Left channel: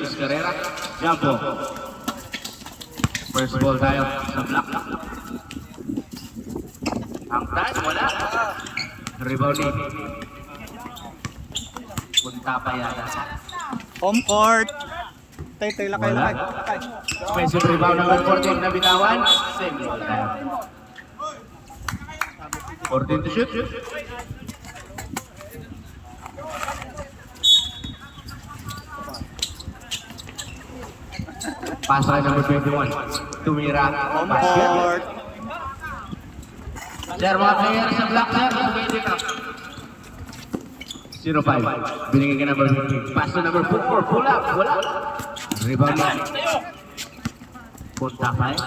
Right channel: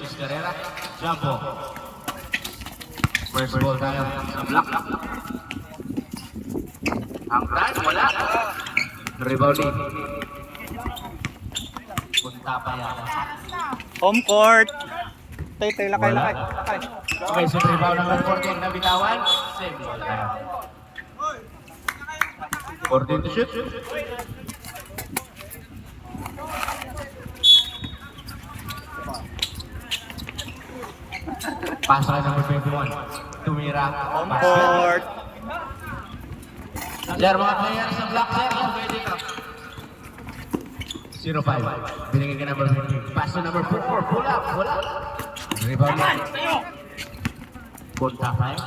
Jesus Carrera. Jumbo. First ball tayo sa block. Angkan, wala. Rebounding. Punta pa yata. Home court. Tay, lakay. Okay, so rebound number 14 na bitawan. Same ball tayo. 14 to shoot. Pasok ay number 21. Tumira. Home court. Sir, mga player sa block, sir. Pwede ka. 0-5. Binigay ka number 15. Pass to number 4. Pull up. Wala. Rebound na. Punta pa eh.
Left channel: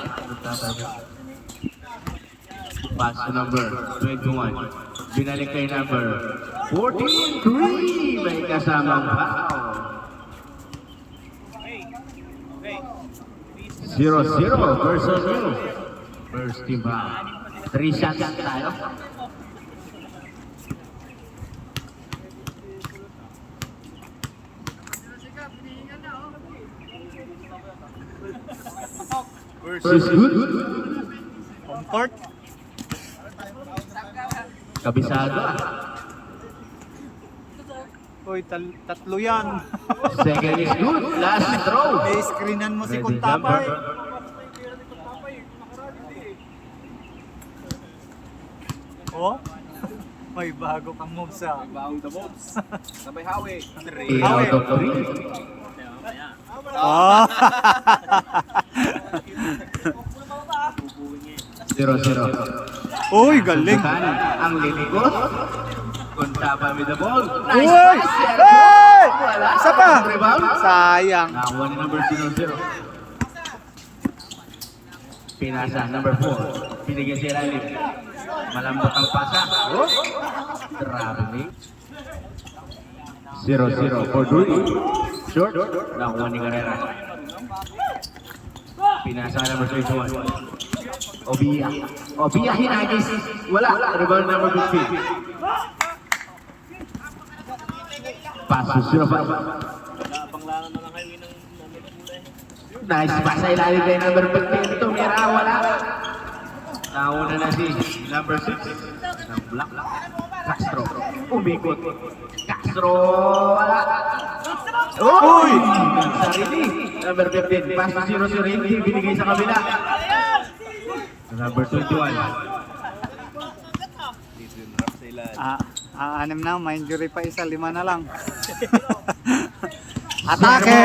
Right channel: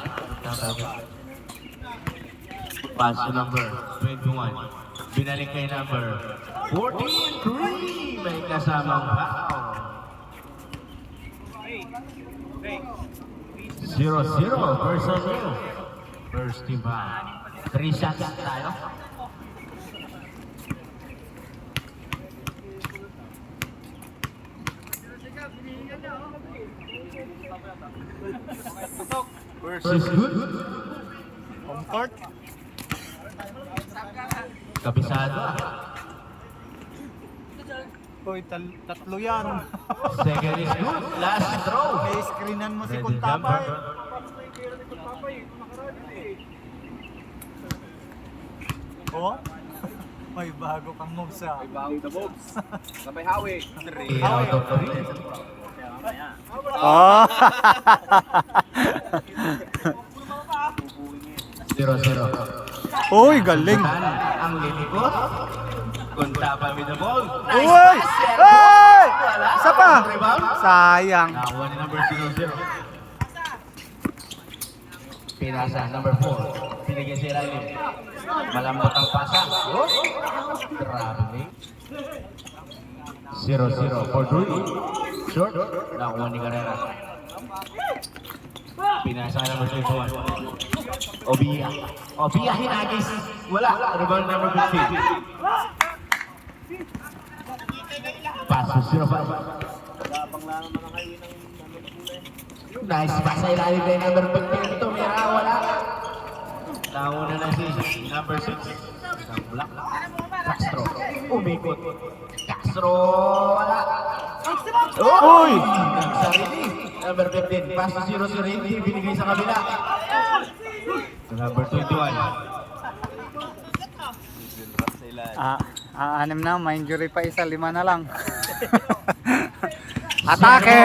Pass to number 21. Binalik kay number 14. 3. May kasamang foul. 0-0 versus Rio. First team foul. 3 shots tayo. Versus good. Home court. Kabisado. Uy, tatlo yan. Second is good. Last throw. I-screenan mo si Ready, Kuntapay. jumper. Oh? May bago kang moves ah. May bago na moves. Sabay hawi. 3 out of 3. Oh! 0-0. Uy, galing. Ang lilikot. Kuntapay with the ball. Uy! Nice pass. Uy! Wala. Isa pa. Rebound. Sayang. Nakakuha ni number 0-0. Pinasa, number 4. Pinigyan si Riley. Malambot ang pasa. Oh! Grabe. 0-0 for Drury. Short. Nakakuha ni Carrera. Pinasa, number 21. Obia. Obia hinagis. Wala. Rebound number 15. Pass to 0-5. Gapang lang naman ang highway ng Nice pass sa ilalim kay number 15. Tumira, wala. Nauna na si number 6. Isang block. Castro. Umikot. Castro, wala. Uy! Sarili. Number 15. Pass to 0-0. Hindi binigay sa kabila. Number 21. Anim na, may injury pa isa, 5 na lang. Atake!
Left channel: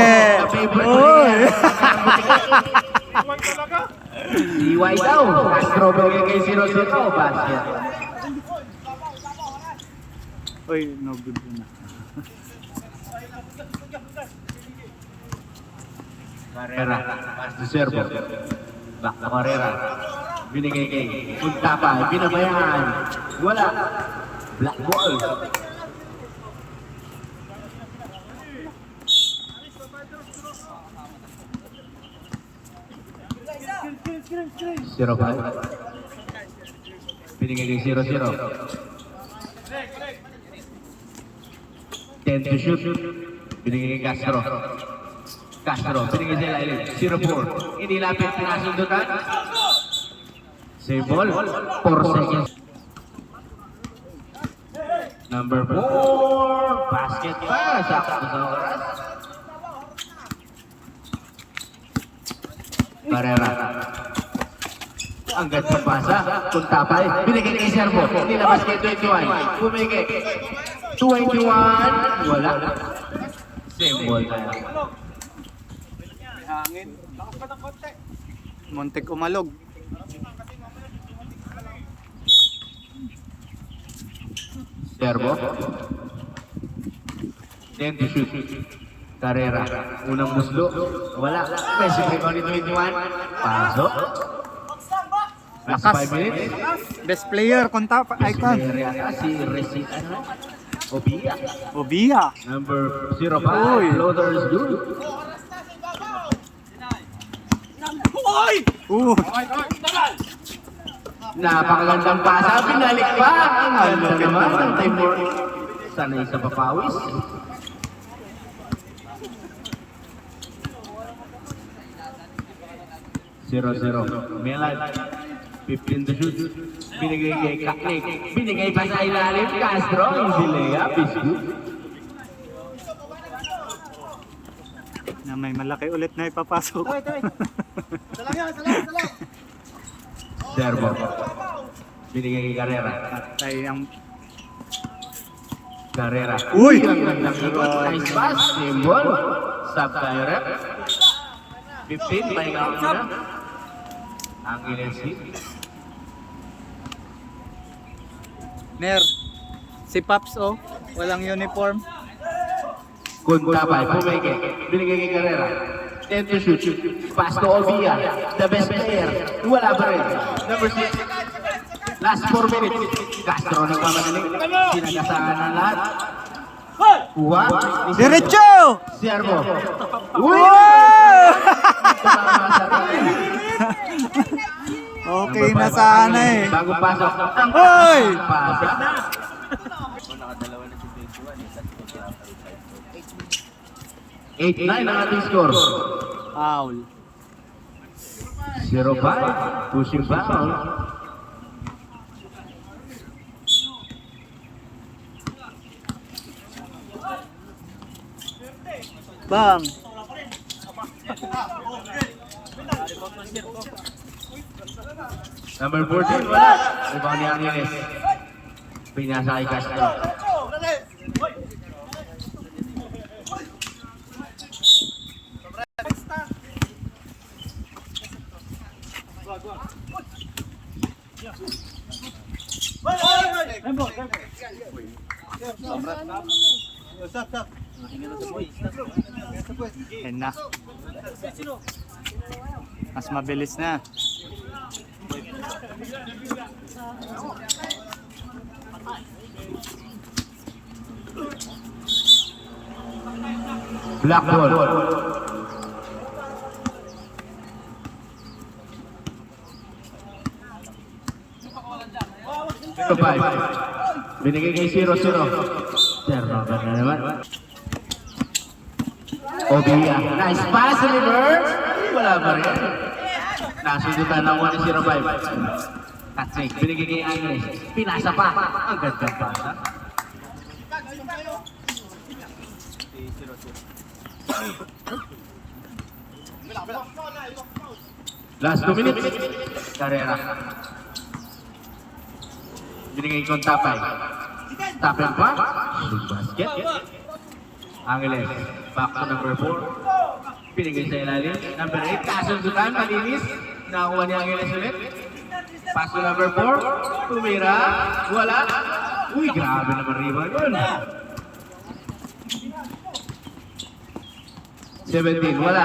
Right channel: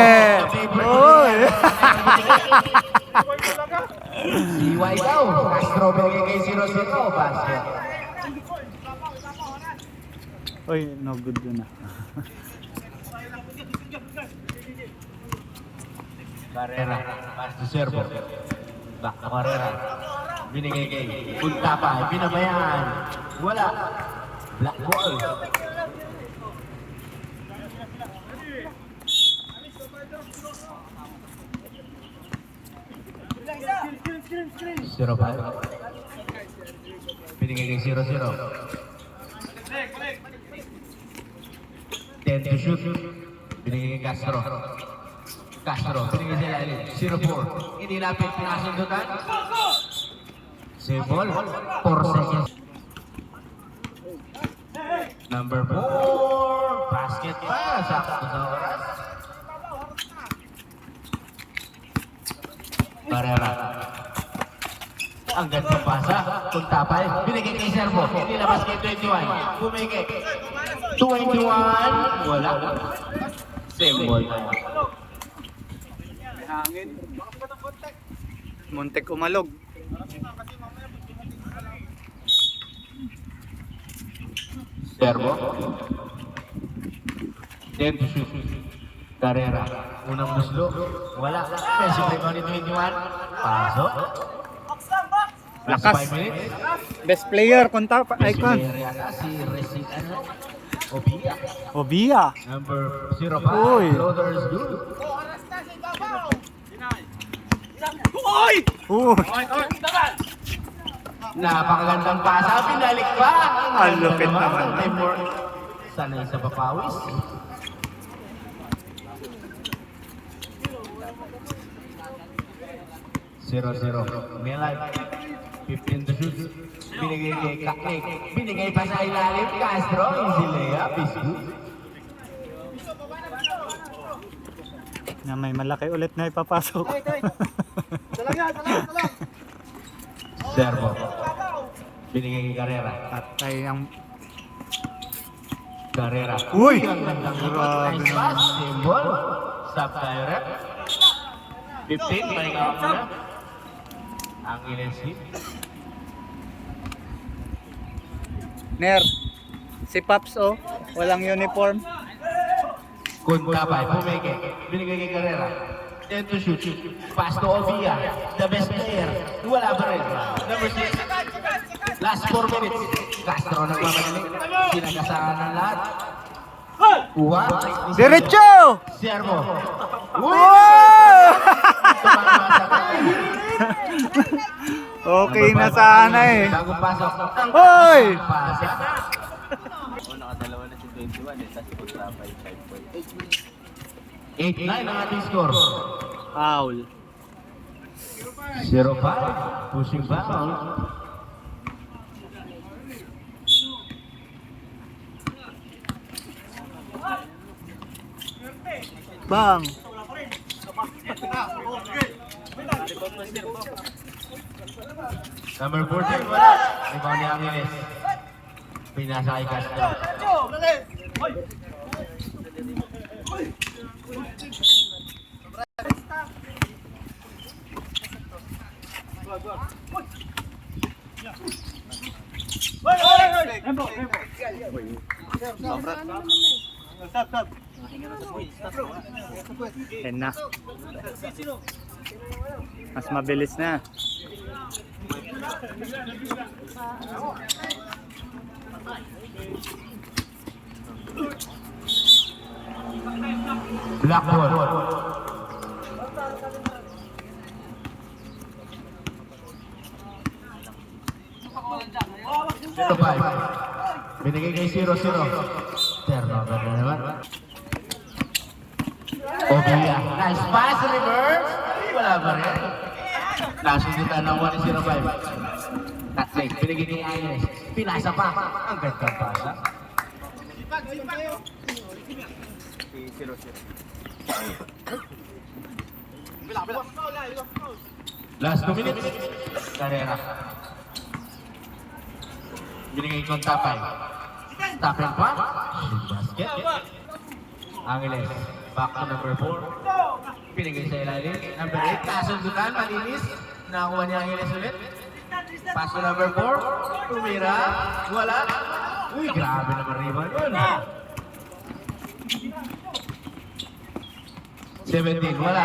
Uy! DY daw. Castro bigay kay 0-0. Basket. Uy, no good na. Carrera. Pass to Servo. Back na Carrera. Binigay kay Kuntapay. Binabayaan. Wala. Black ball. Zero pa. Binigay kay 0-0. 10 to shoot. Binigay kay Castro. Castro, binigay sa ilalim. 0-4. Inilapit, pinasundutan. Save ball. 4 seconds. Number 4. Basket pa. Sakto sa oras. Carrera. Ang ganda pasa. Kuntapay. Binigay kay Servo. Nilabas kay 21. Bumigay. 21. Wala. Same ball tayo. may hangin. Lakas pa ng konti. Muntik umalog. Servo. 10 to shoot. Carrera. Unang muslo. Wala. Messi rebound ni 21. Paso. Lakas. 5 minutes. Best player, Kuntapay. Icon. Si Resi. Obia. Obia. Number Uy. 05. Floater is good. Napakagandang pasa. Pinalik pa. Ang lupit naman. Sanay sa papawis. 0-0. Milan, 15 to shoot. Binigay kay Kaknik. Binigay pa sa ilalim. Castro, easy layup. Is good. May malaki ulit na ipapasok. Servo. Binigay kay Carrera. Ay, ang... Carrera. Uy! Ang gandang ikot. Nice pass. Symbol. Sub tayo rep. 15. May count na. Ang Ilensi. Ner, si Paps oh, walang uniform. Kuntapay. Pumeke. Binigay kay Carrera. 10 to shoot. Pass to Ovia. The best player. Wala pa rin. Number 6. Last 4 minutes. Castro nagmamagaling. Sinagasangan na lahat. Kuha. Diretso! Servo. Uy! Okay na sana eh. Bago pasok. Ang Hoy! pasok. 8-9 ang ating score. Foul. 0-5. Pushing foul. Bang! Number 14. Wala. Rebound ni Angeles. Pinasa kay Castro. Yan na. Mas mabilis na. Black ball. Binigay kay 0-0. Turnover na naman. Obia. Nice pass, reverse. Wala pa rin. Nasundutan ng 1-0-5. That's it. Binigay kay Agnes. Pinasa pa. Ang gandang pasa. Last 2 minutes. Carrera. Binigay kong tapay. Tapin pa. Basket. Angeles. Back to number 4. Binigay sa ilalim. Number 8. Kasundutan. Malinis. Nakakuha ni Angeles ulit. Pass to number 4. Tumira. Wala. Uy, grabe naman rebound yun. 17. Wala.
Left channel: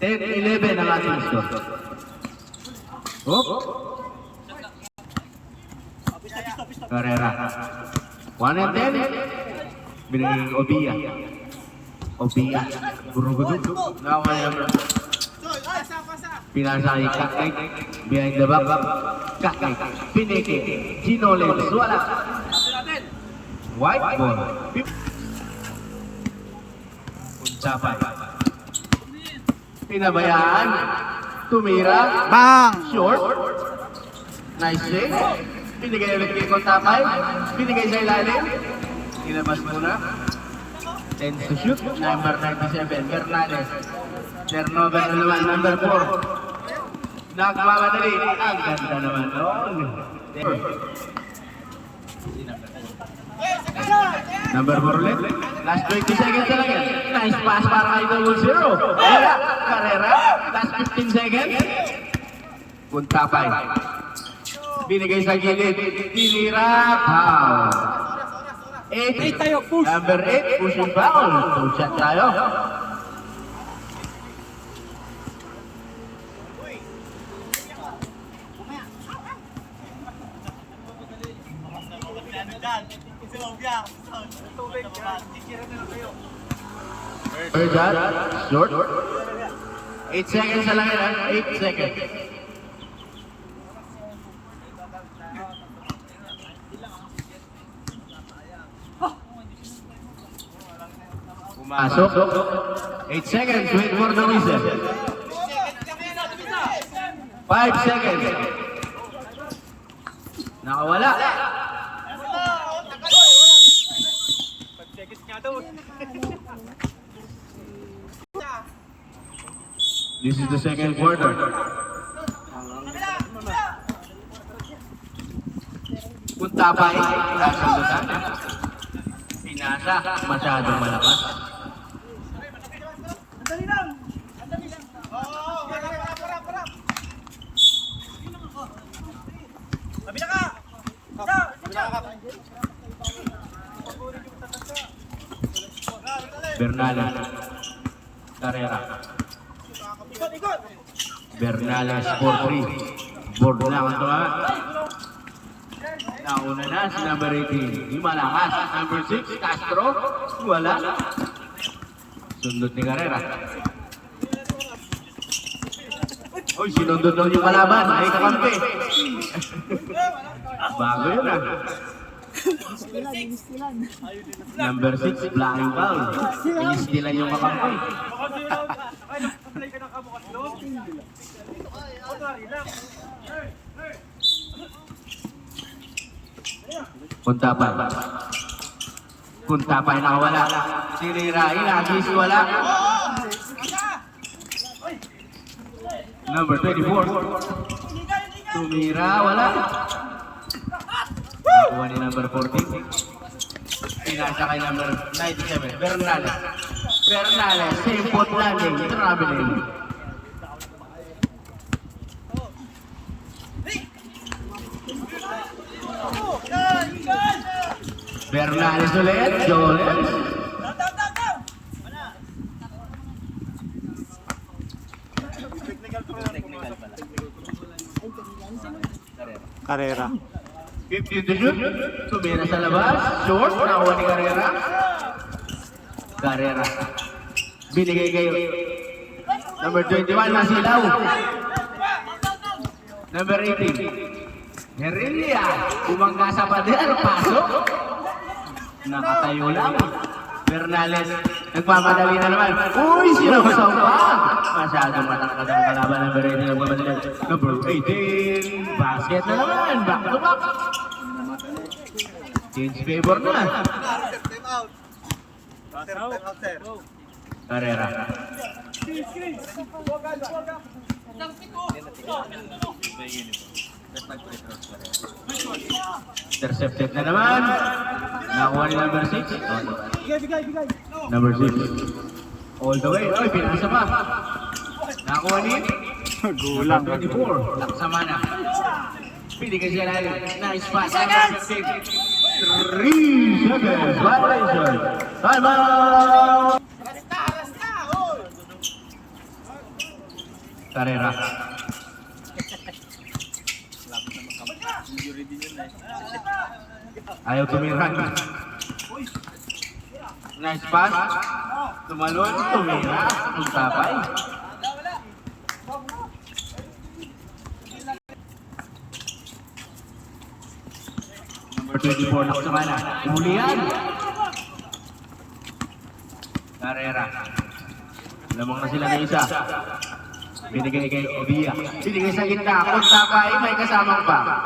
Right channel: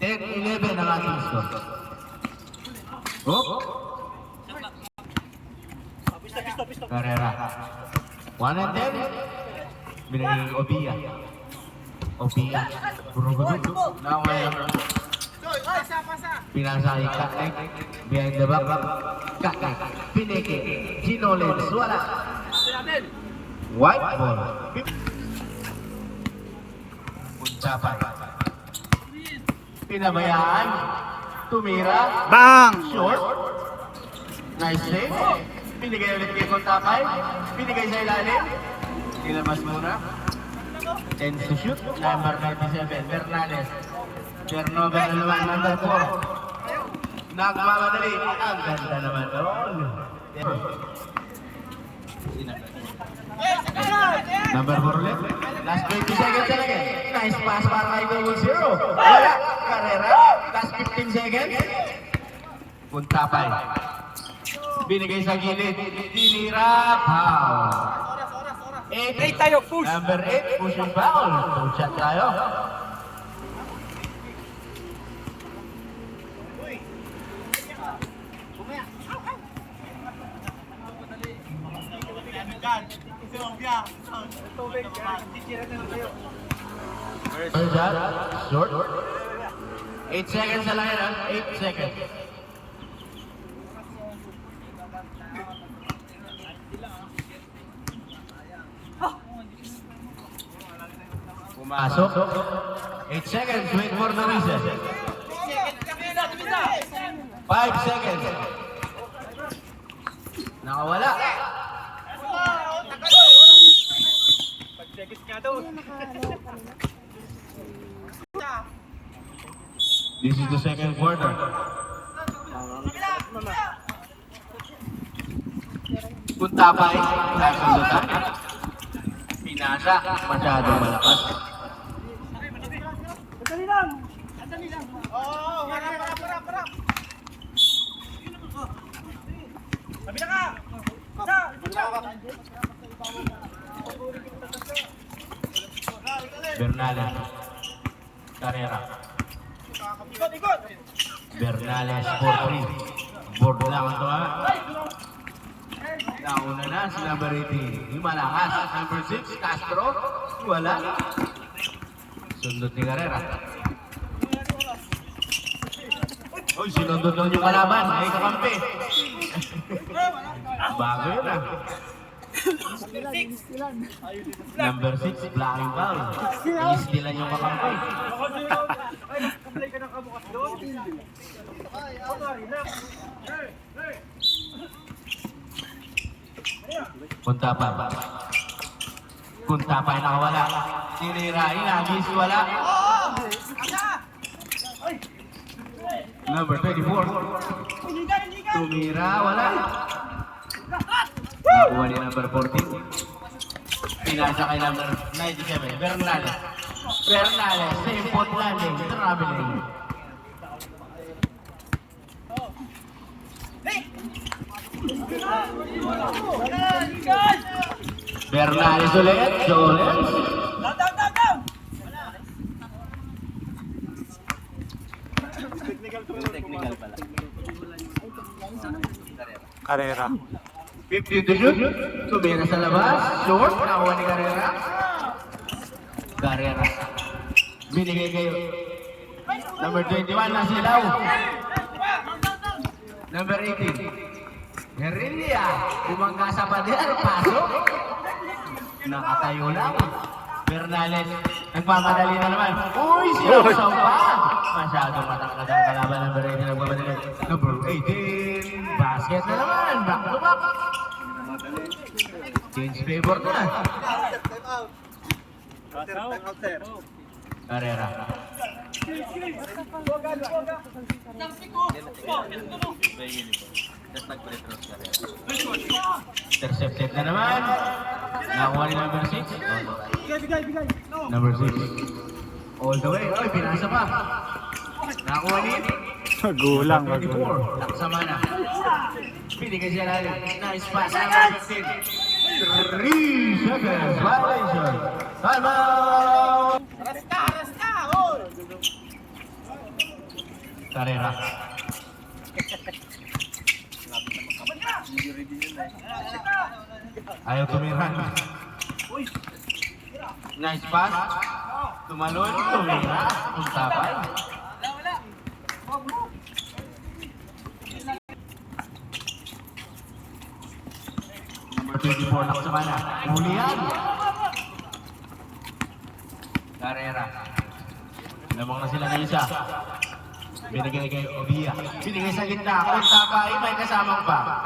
10-11 ang ating score. Oh. Carrera. 1-10. Binigay ng Obia. Obia. Gurugudu. Nakawala yung pinasa kay Kakek. Behind the back. Kakek. Pineke. Ginolens. Wala. White ball. Unsapay. Pinabayaan. Tumira. Bang! Short. Nice save. Binigay ulit kay Kontapay. Binigay sa ilalim. Ilabas muna. 10 to shoot. Number 97. Bernales. Turnover na naman. Number 4. Nagmamadali. Ang ganda naman doon. Number 4 ulit. Last 20 seconds talaga. Nice pass para kay Double Zero. Carrera. Last 15 seconds. Kuntapay. Binigay sa gilid. Tinira. Foul. 8 tayo. Push. Number 8. Pushing foul. 2 shot tayo. Third shot. Short. 8 seconds na lang yan. 8 seconds. Pumasok. 8 seconds. Wait for the whistle. 5 seconds. Nakawala. Pag-checks nga daw. This is the second quarter. Kung tapay, kasundutan. Pinasa, masyado malakas. Andali lang. Oo, para. Kabila ka. Bernales. Carrera. Ikot. Bernales 4-3. Board lang ito ha. Nauna na si number 18. Yung malakas. Number 6, Castro. Wala. Sundot ni Carrera. Uy, sinundot doon yung kalaban. Ay, kakampi. Bago yun ah. Number 6, blocking foul. Inistilan yung kakampi. Ay, nakaplay ka ng kabukas doon. Relax. Kuntapay. Kuntapay nakawala. Tinirain, agis wala. Number 24. Tumira, wala. Nakuha ni number 14. Pinasa kay number 97. Bernales. Bernales, simple landing. Traveling. Bernales ulit. Joles. Down. Carrera. 15 to shoot. Tumira sa labas. Short. Nakuha ni Carrera. Carrera. Binigay kayo. Number 21, Masilaw. Number 18. Herelia. Umangga sa pader. Pasok. Nakatayo lang. Bernales. Nagmamadali na naman. Uy, sinasawag pa. Masyadong matangkad ang kalaban. Number 18. Nagmamadali. Number 18. Basket na naman. Back to back. Change favor na. Time out, sir. Carrera. Intercepted na naman. Nakuha ni number 6. Bigay. Number 6. All the way. Oy, pinapisa pa. Nakuha ni Gulang. 24. Laksama na. Binigay siya lang. Nice pass. 3 seconds. Violation. Time out. Carrera. Ayaw tumiran. Nice pass. Tumalon. Tumira. Tuntapay. Number 24 na sa mana. Ulian. Carrera. Lamang na sila na isa. Binigay kay Obia. Binigay sa gitna. Kuntapay. May kasamang pa.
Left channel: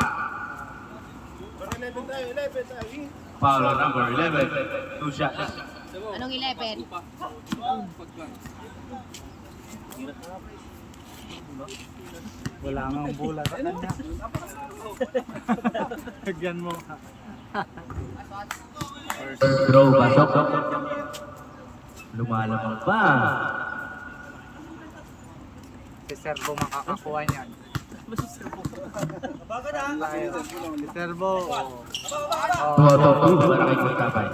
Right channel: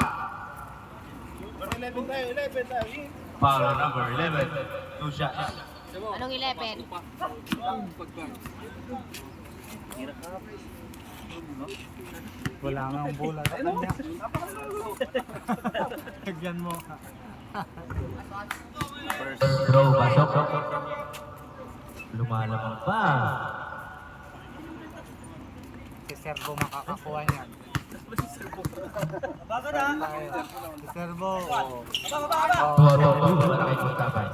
Foul number 11. 2 shots. Anong 11? Wala nga ang bulat. Lagyan mo. Throw, pasok. Lumalabang pa. Si Servo makakakuha niya. Bago na. Si Servo. Tuwa, para kay Kuntapay.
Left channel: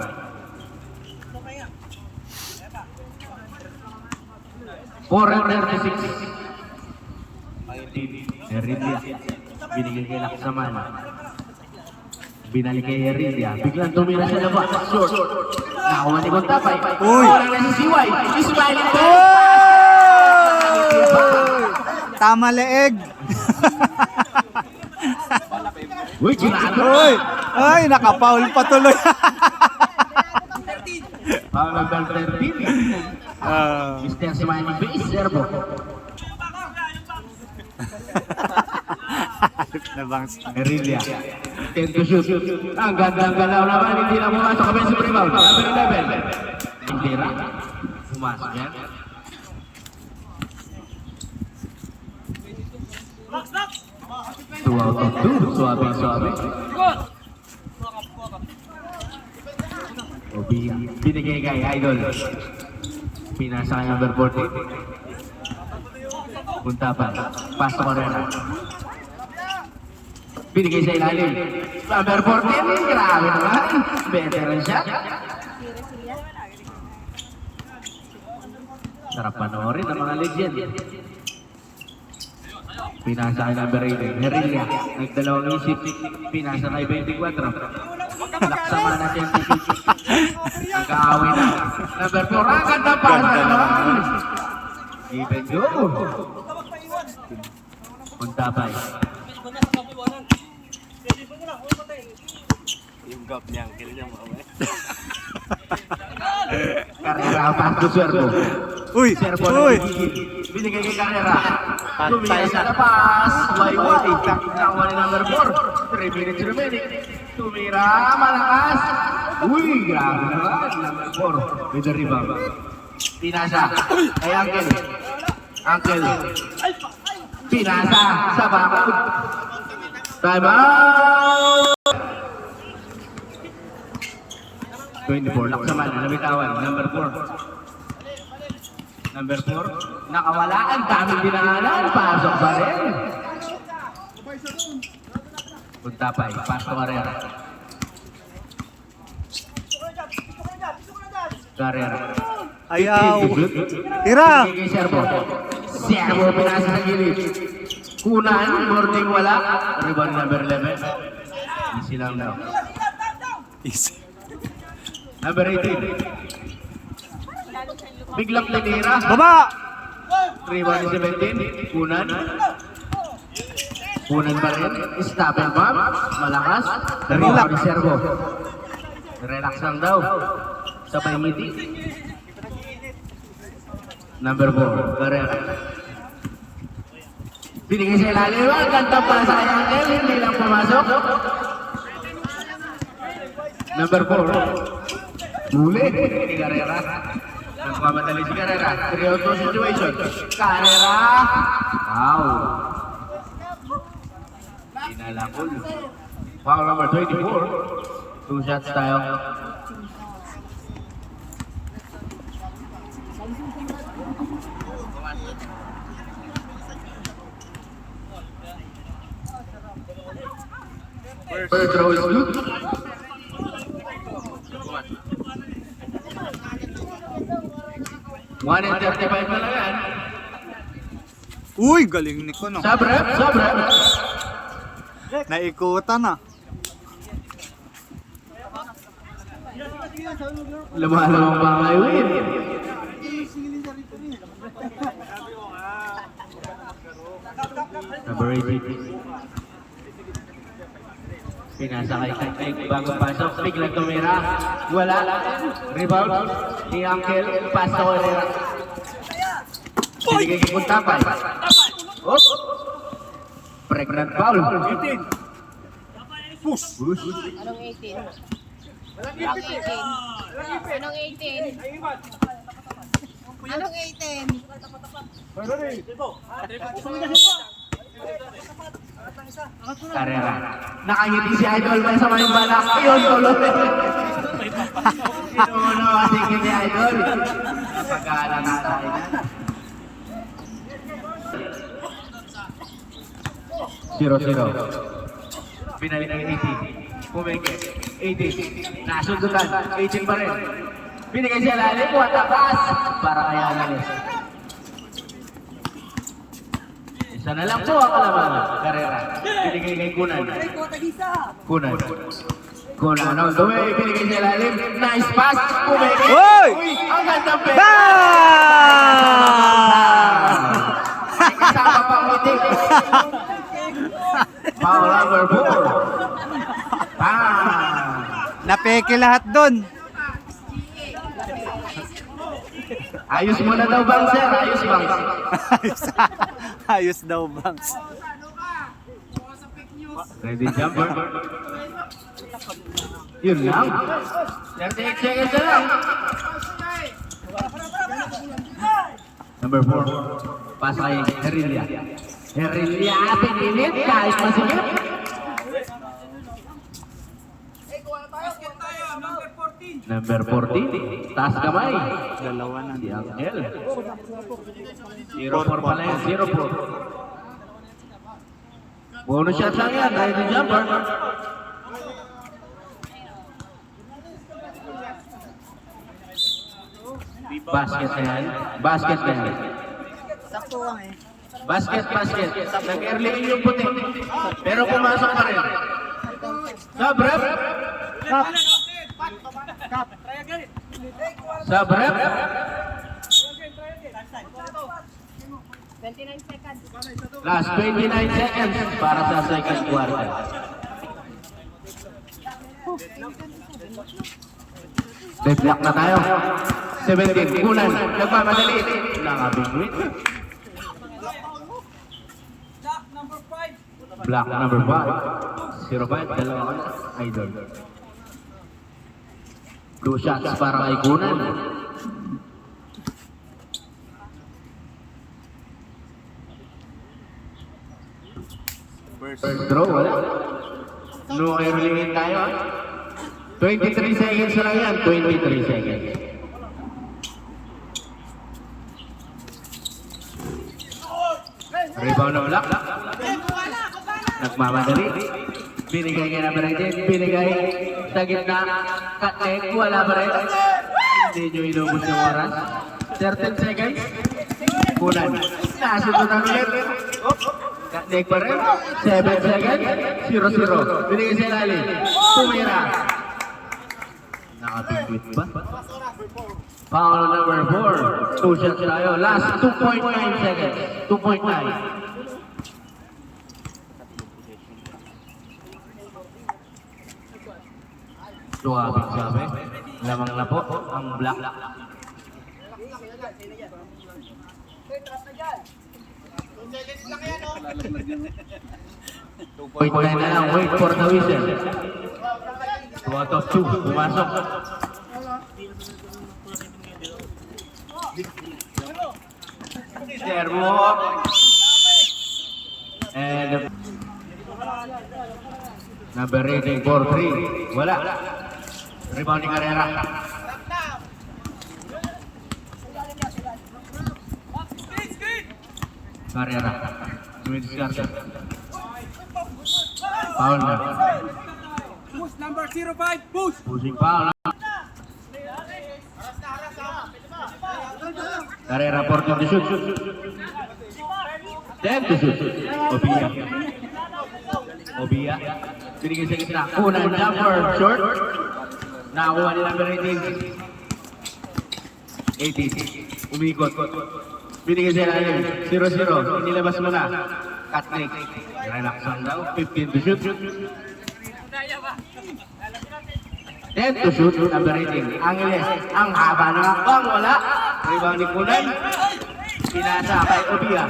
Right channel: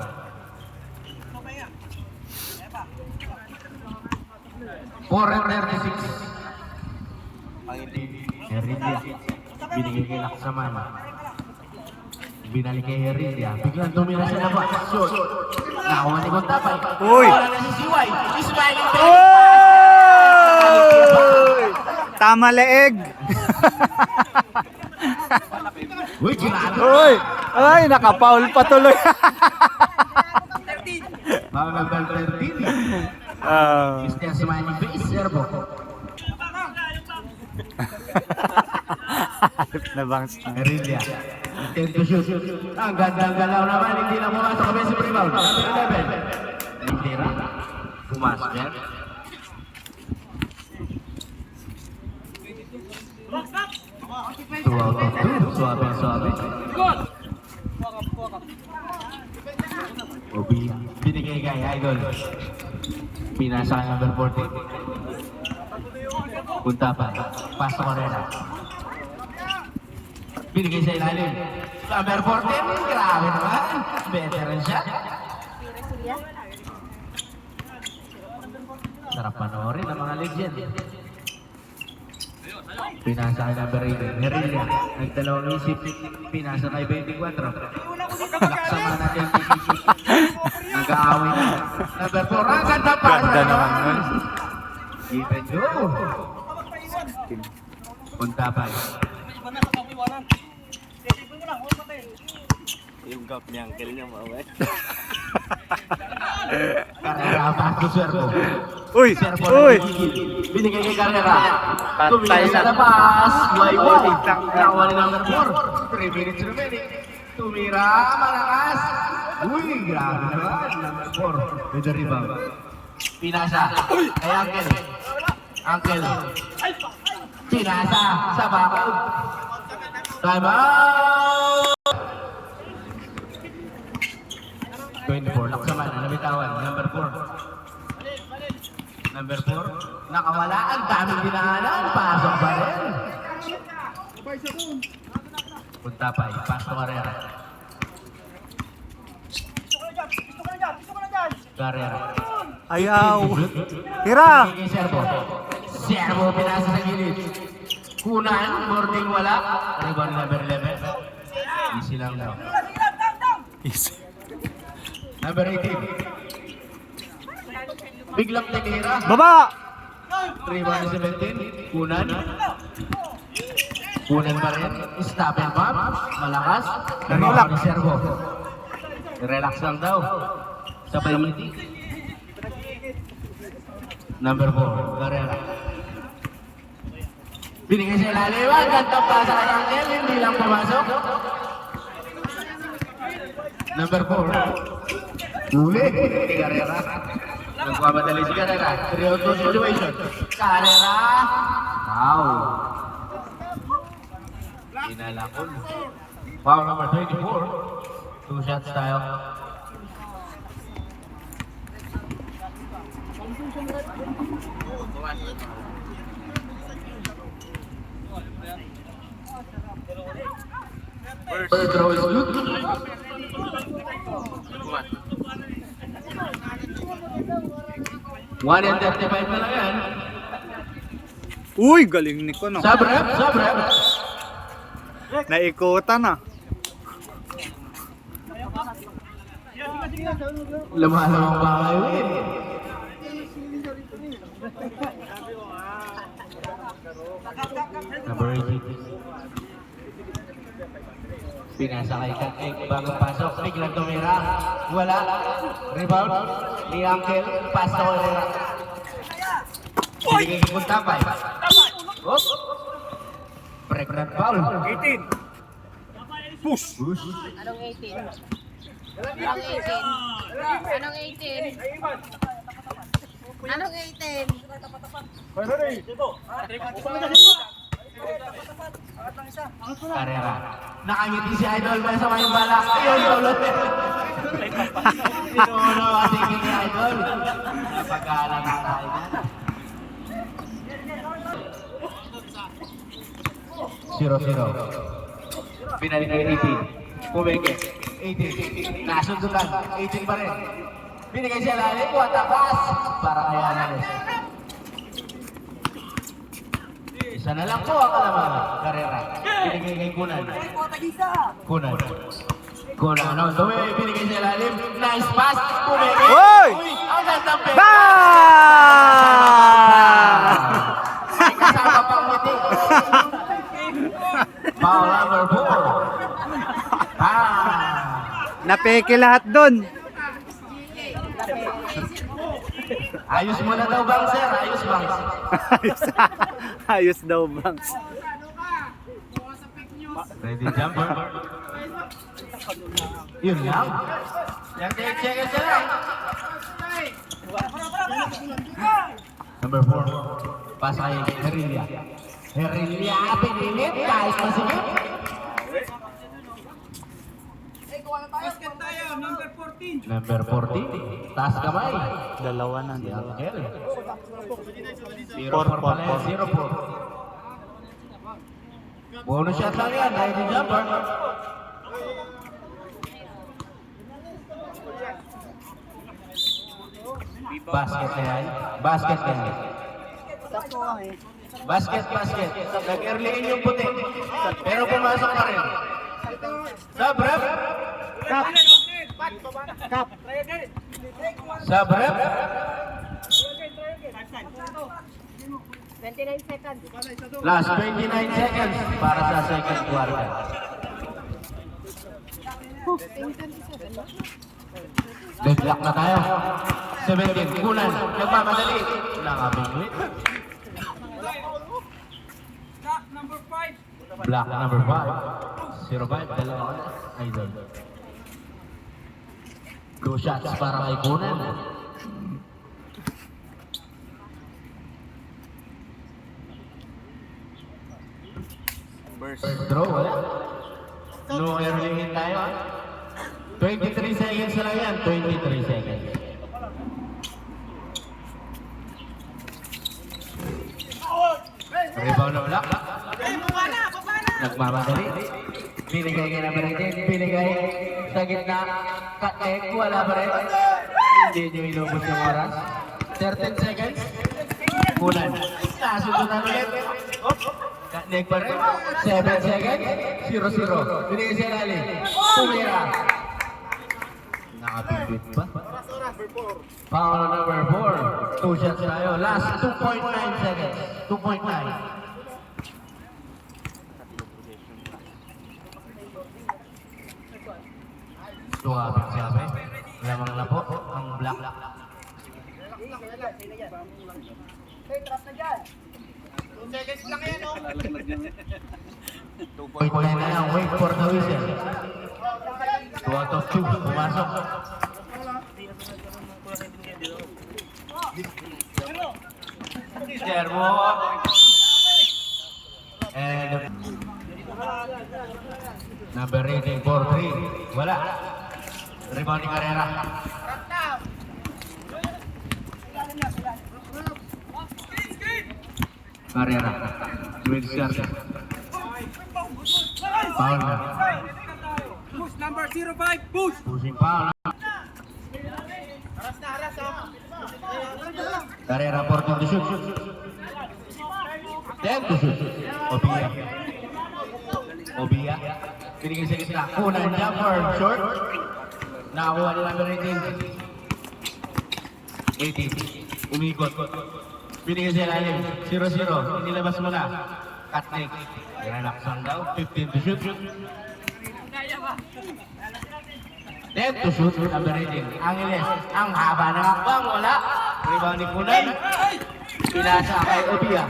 Four and 36. Heredia. Binigay kay Laksaman. Binalik kay Heredia. Biglang tumira siya na ba? Short. Nakuha ni Kuntapay. Uy! Wala na si Siway. Ismail. Oy! Tama leeg. Uy, ginagawa. Uy! Ay, nakapaul pa tuloy. Foul number 13. Mr. Simani base servo. Nabangs. Guerrilla. Attempt to shoot. Ang gandang galaw naman. Hindi na pumasok. Offensive rebound. Number 11. Indira. Pumasok yan. Suwabe. Binigay kay Idol. Pinasa ang number 40. Punta pa. Pasok ko rin. Binigay sa ilalim. Number 14. Grabe naman. Veteran siya. Sarap panoorin ang mga legend. Pinasa kay number 8. Guerrilla. Nagdalawang isip. Pinasa kay 24. Laksama natin. Nag-aaway na. Number 4. Ang ganda pa. Ganda naman. Give and go. Punta pa. Yung gap niya, ang kill niya mga. Carrera ang pass to Servo. Uy! Servo Uy! nagigigil. Binigay kay Carrera. Pantay Tumingin sa na. labas. Oh, tigtang na. Nakawa ni number 4. 3 minutes remaining. Tumira, malakas. Uy, grabe naman. Number 4 with the rebound. Pinasa. Ay, Uncle. Pinasa sa bakod. Time out! 24, laksaman, nabitawan, number 4. Number 4, nakawala, ang daming dinaanan, pasok pa rin. Punta pa, pasok Carrera. Carrera. Ayaw! Tira! Kay Servo. Servo, pinasa sa gilid. Kunan, boarding wala. Rebound number 11. Easy lang daw. Easy. Number 18. Biglang tinira. Baba! 3-17. Kunan. Kunan pa rin. Stop and pump. Malakas. Relax ni Servo. Relax lang daw. Sa pangiti. Number 4. Carrera. Binigay sa ilalim. Ganda pa sa kanyang. Hindi lang pumasok. Number 4. Huli. Carrera. Nagpapadali si Carrera. 3-2 situation. Carrera. Wow. Inalakol. Foul number 24. 2 shots tayo. First row is good. One and 35 na lang yan. Uy! Galing ni ko, no? Sabrep. Naikutan na. Lumalamang ba kayo eh? Number 18. Pinasa kay Kateng bago pasok. Biglang tumira. Wala. Rebound. Ni Uncle. Pass to Carrera. Binigay kay Kuntapay. Oh. Pregnant foul. 18. Push. Anong 18? Anong 18? Anong 18? Anong 18? Carrera. Nakangiti si Idol pa sa may balak. Ayun, tulog. Ito na matigil ni Idol. Pagkala na tayo na. 0-0. Binalik ang 18. Pumeke. 18. Nasundutan. 18 pa rin. Binigay siya lalim. What a pass. Para kay Analis. Isa na lang po ang kalamangan. Carrera. Binigay kay Kunan. Kunan on the way. Binigay siya lalim. Nice pass. Pumeke. Uy! Ang gandang pera. Ba! Kasama pang ngiti. Foul number 4. Napeke lahat doon. Ayos mo na daw bang, sir? Ayos bang? ayos, ayos daw, Bangs. Ready jumper. Yun lang. 38 seconds na lang. Number 4. Pass kay Herilla. Herilla, pinilit. Kahit masigit. Basket tayo, number 14. Number 14. Taas kamay. Dalawa na. Si Angel. 0-4 pala yan. 0-4. Bonus shot lang yan. Ready jumper. Basket na yan. Basket na yan. Sakto lang eh. Basket. Nag-early in yung puti. Pero pumasok pa rin. Sub rep. Cup. Cup. Sub rep. 29 seconds. Last 29 seconds para sa second quarter. Deflect na tayo. 17. Kunan. Nagmamadali. Nakabigwit. Lock, number 5. Block number 5. 0-5. Dalawa na. Idol. 2 shots para kay Kunan. First throw, wala. No early in tayo. 23 seconds na lang yan. 23 seconds. Rebound na block. Nagmamadali. Binigay kay number 18. Binigay sa gitna. Cut-leg. Wala pa rin. Hindi nyo inubos yung oras. 13 seconds. Kunan. Nasunod na ulit. Cut-leg pa rin. 7 seconds. 0-0. Binigay sa ilalim. Tumira. Nakapipit pa. Foul number 4. 2 shots tayo. Last 2.9 seconds. 2.9. Tuwabit sabi. Lamang na po ang black. 2.9 na lang. Wait for the whistle. 2 out of 2. Pumasok. Servo. And number 18 for 3. Wala. Rebound ni Carrera. Carrera. Luis Garcia. Foul na. Push, number 05, push. Pushing foul. Carrera 14 to shoot. 10 to shoot. Obia. Binigay sa gitna. Kunan jumper. Short. Nakakuha ni number 18. 18. Umikot. Binigay sa ilalim. 0-0. Inilabas mo na. Cut-leg. Relaxan daw. 15 to shoot. 10 to shoot. Number 18. Angeles. Ang haba ng akbang. Wala. Rebound ni Kunan. Pinasa kay Obia.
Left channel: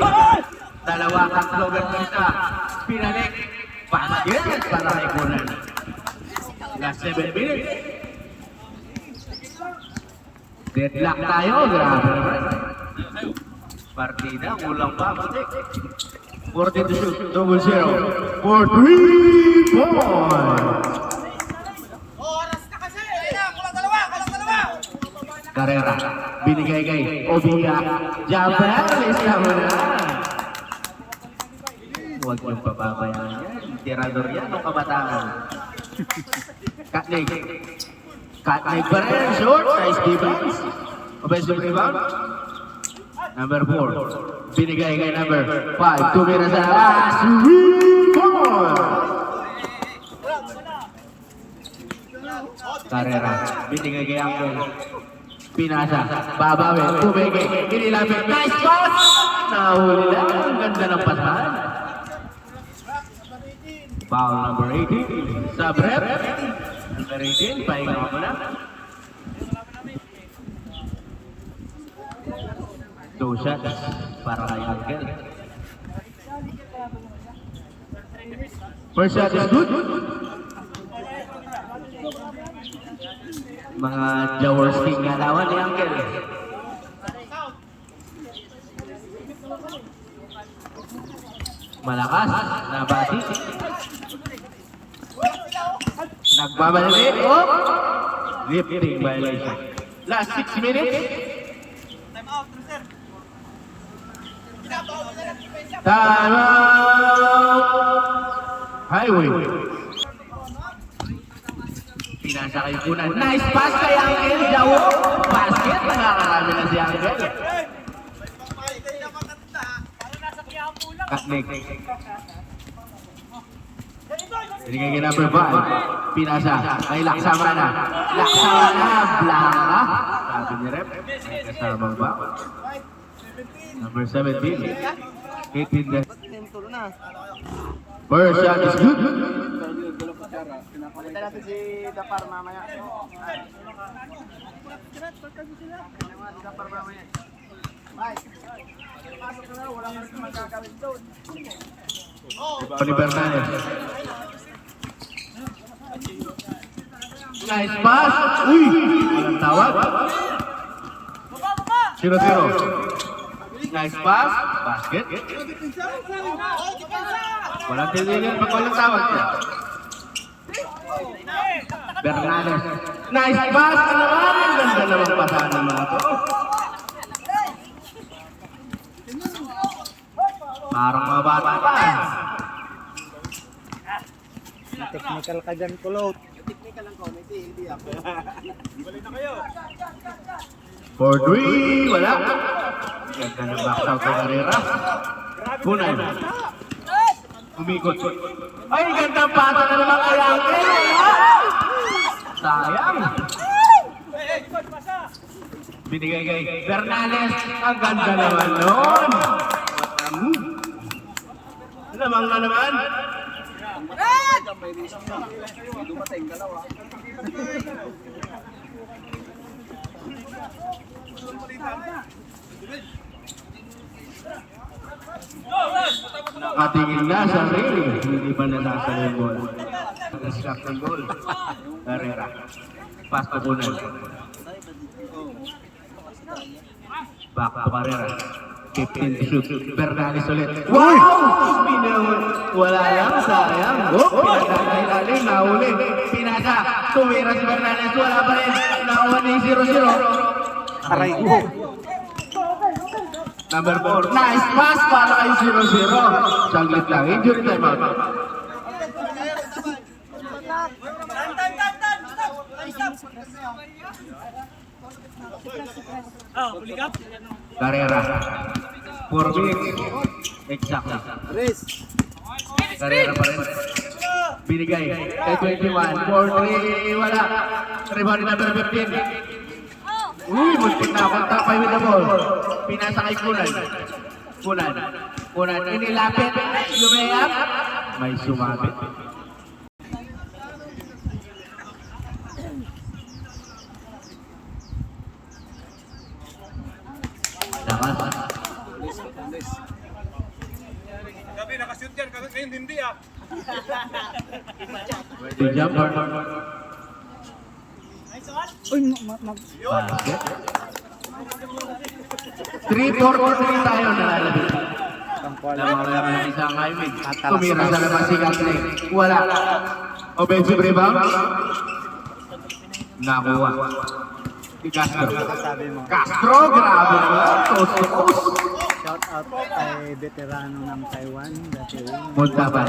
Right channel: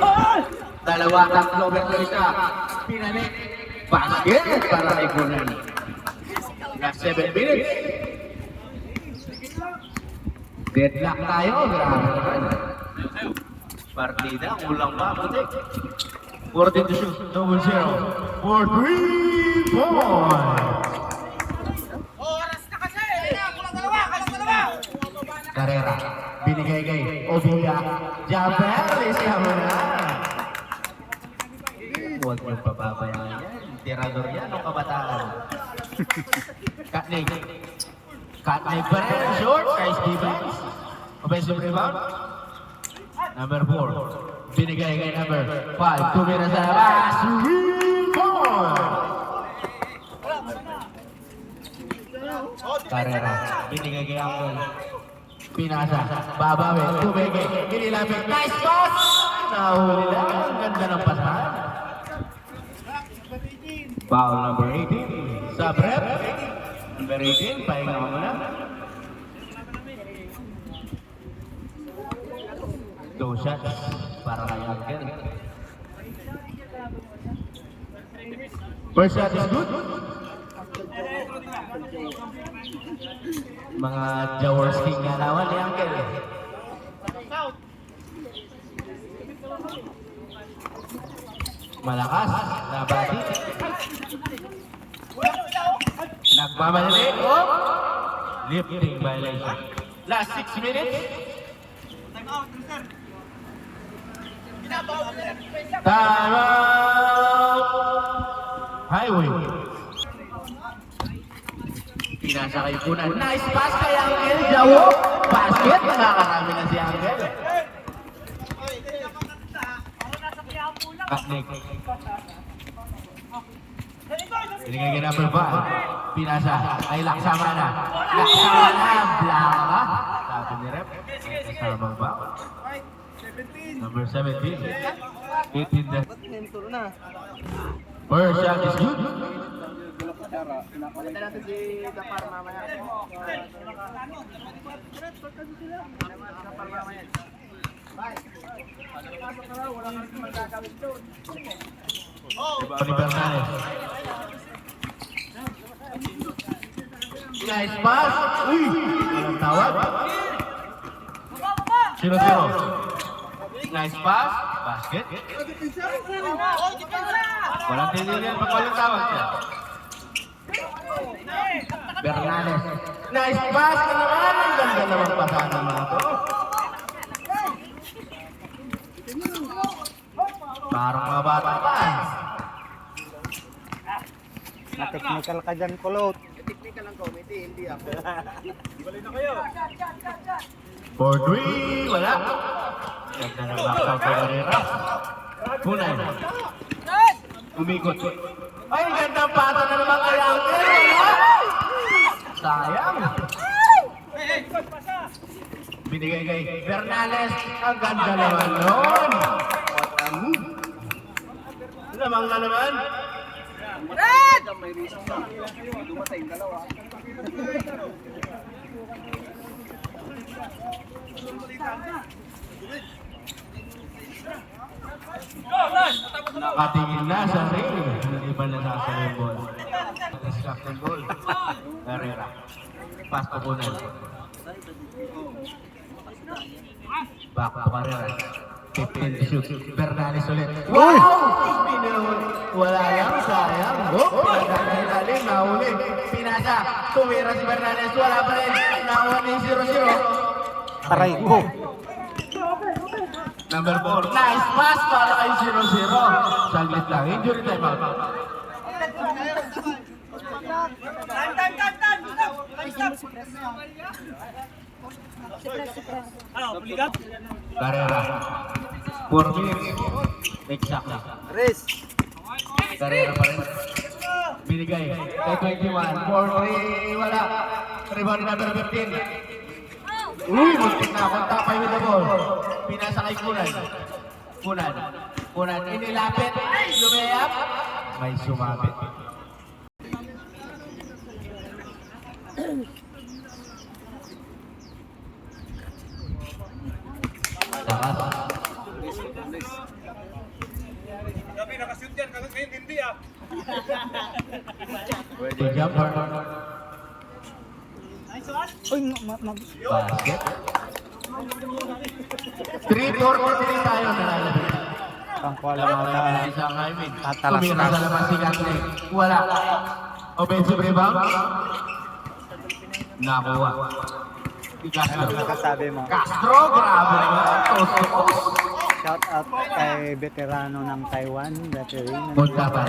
2-3 overtime. Pinalik. Basket. Para kay Kunan. Last 7 minutes. Deadlock tayo. Grabe naman. Partida. Kulang pa. 14 to shoot. 0-0. For 3 points. Carrera. Binigay kay Obia. Jumper. Lista mo na. Huwag niyong pababayaan yan. Tirador yan ang kabataan. Cut-leg. Cut-leg pa rin. Short. Nice defense. Offensive rebound. Number 4. Binigay kay number 5. Tumira sa labas. 3 points. Carrera. Binigay kay Angel. Pinasa. Babawi. Tumigay. Inilapit. Nice pass! Nahuli lang. Ang ganda ng pasahan. Foul number 18. Sub rep. Number 18. Pahinga mo na. shots para kay Angel. First shot is good. Mga Jaworski nga naman ni Angel. Malakas na bati. Nagbabalik. Oh! Lifting violation. Last 6 minutes. Time out, sir. Time out! Highway. Pinasa kay Punan. Nice pass kay Angel. Jawo. Basket. Nakakarami na si Angel. Katnik. Binigay kay number 5. Pinasa. Kay Laksamana. Laksamana. Blanca. Sabi ni Rep. Kasama ba? Number 17. 18 net. First shot is good. Pagkita natin si Gapar mamaya. Gapar mamaya. Bye. Pasok na raw, wala ka rin magagawin doon. Tony Bernales. Nice pass. Uy! Walang tawag. 0-0. Nice pass. Basket. Walang tinilin pag walang tawag niya. Bernales. Nice pass ka naman. Ang ganda naman pasahan ng mga to. Parang mga bata pa. Na-technical ka dyan, Kulot. Technical lang committee, hindi ako. Balik na kayo. 4-3. Wala. Ganda ng baksaw sa karera. Punay. Umikot. Ay, gandang pata na naman kay Angel. Sayang. Binigay kay Bernales. Ang ganda naman nun. Lamang na naman. May risk na. Dumatay yung dalawa. Nakatingin na sa ring. Hindi ba nasasa yung ball? Distract ng ball. Carrera. Pass to Punan. Back to Carrera. 15 to shoot. Bernales ulit. Wow! Wala lang. Sayang. Oh! Pinagkakailalim. Nahuli. Pinasa. Tumira si Bernales. Wala pa rin. Nakuha ni 0-0. Aray ko. Number 4. Nice pass para kay 0-0. Saglit lang. Injury time out. Carrera. 4 minutes. Exactly. Risk. Carrera pa rin. Binigay. Kay 21. 4-3. Wala. Rebound ni number 15. Muntik na akong tapay with the ball. Pinasa kay Kunan. Kunan. Inilapit. Lumayap. May sumabit. Lakas. Gabi, nakashoot yan. Ngayon hindi ah. The jumper. Basket. 3-4-3 tayo nalalabit. Lamang naman ang isang highway. Tumira sa labas si Katne. Wala. Offensive rebound. Nakuha. Si Castro. Kasabi mo. Castro, grabe naman. Toast to toast. Shout out kay veterano ng Taiwan. Dati Punta pa.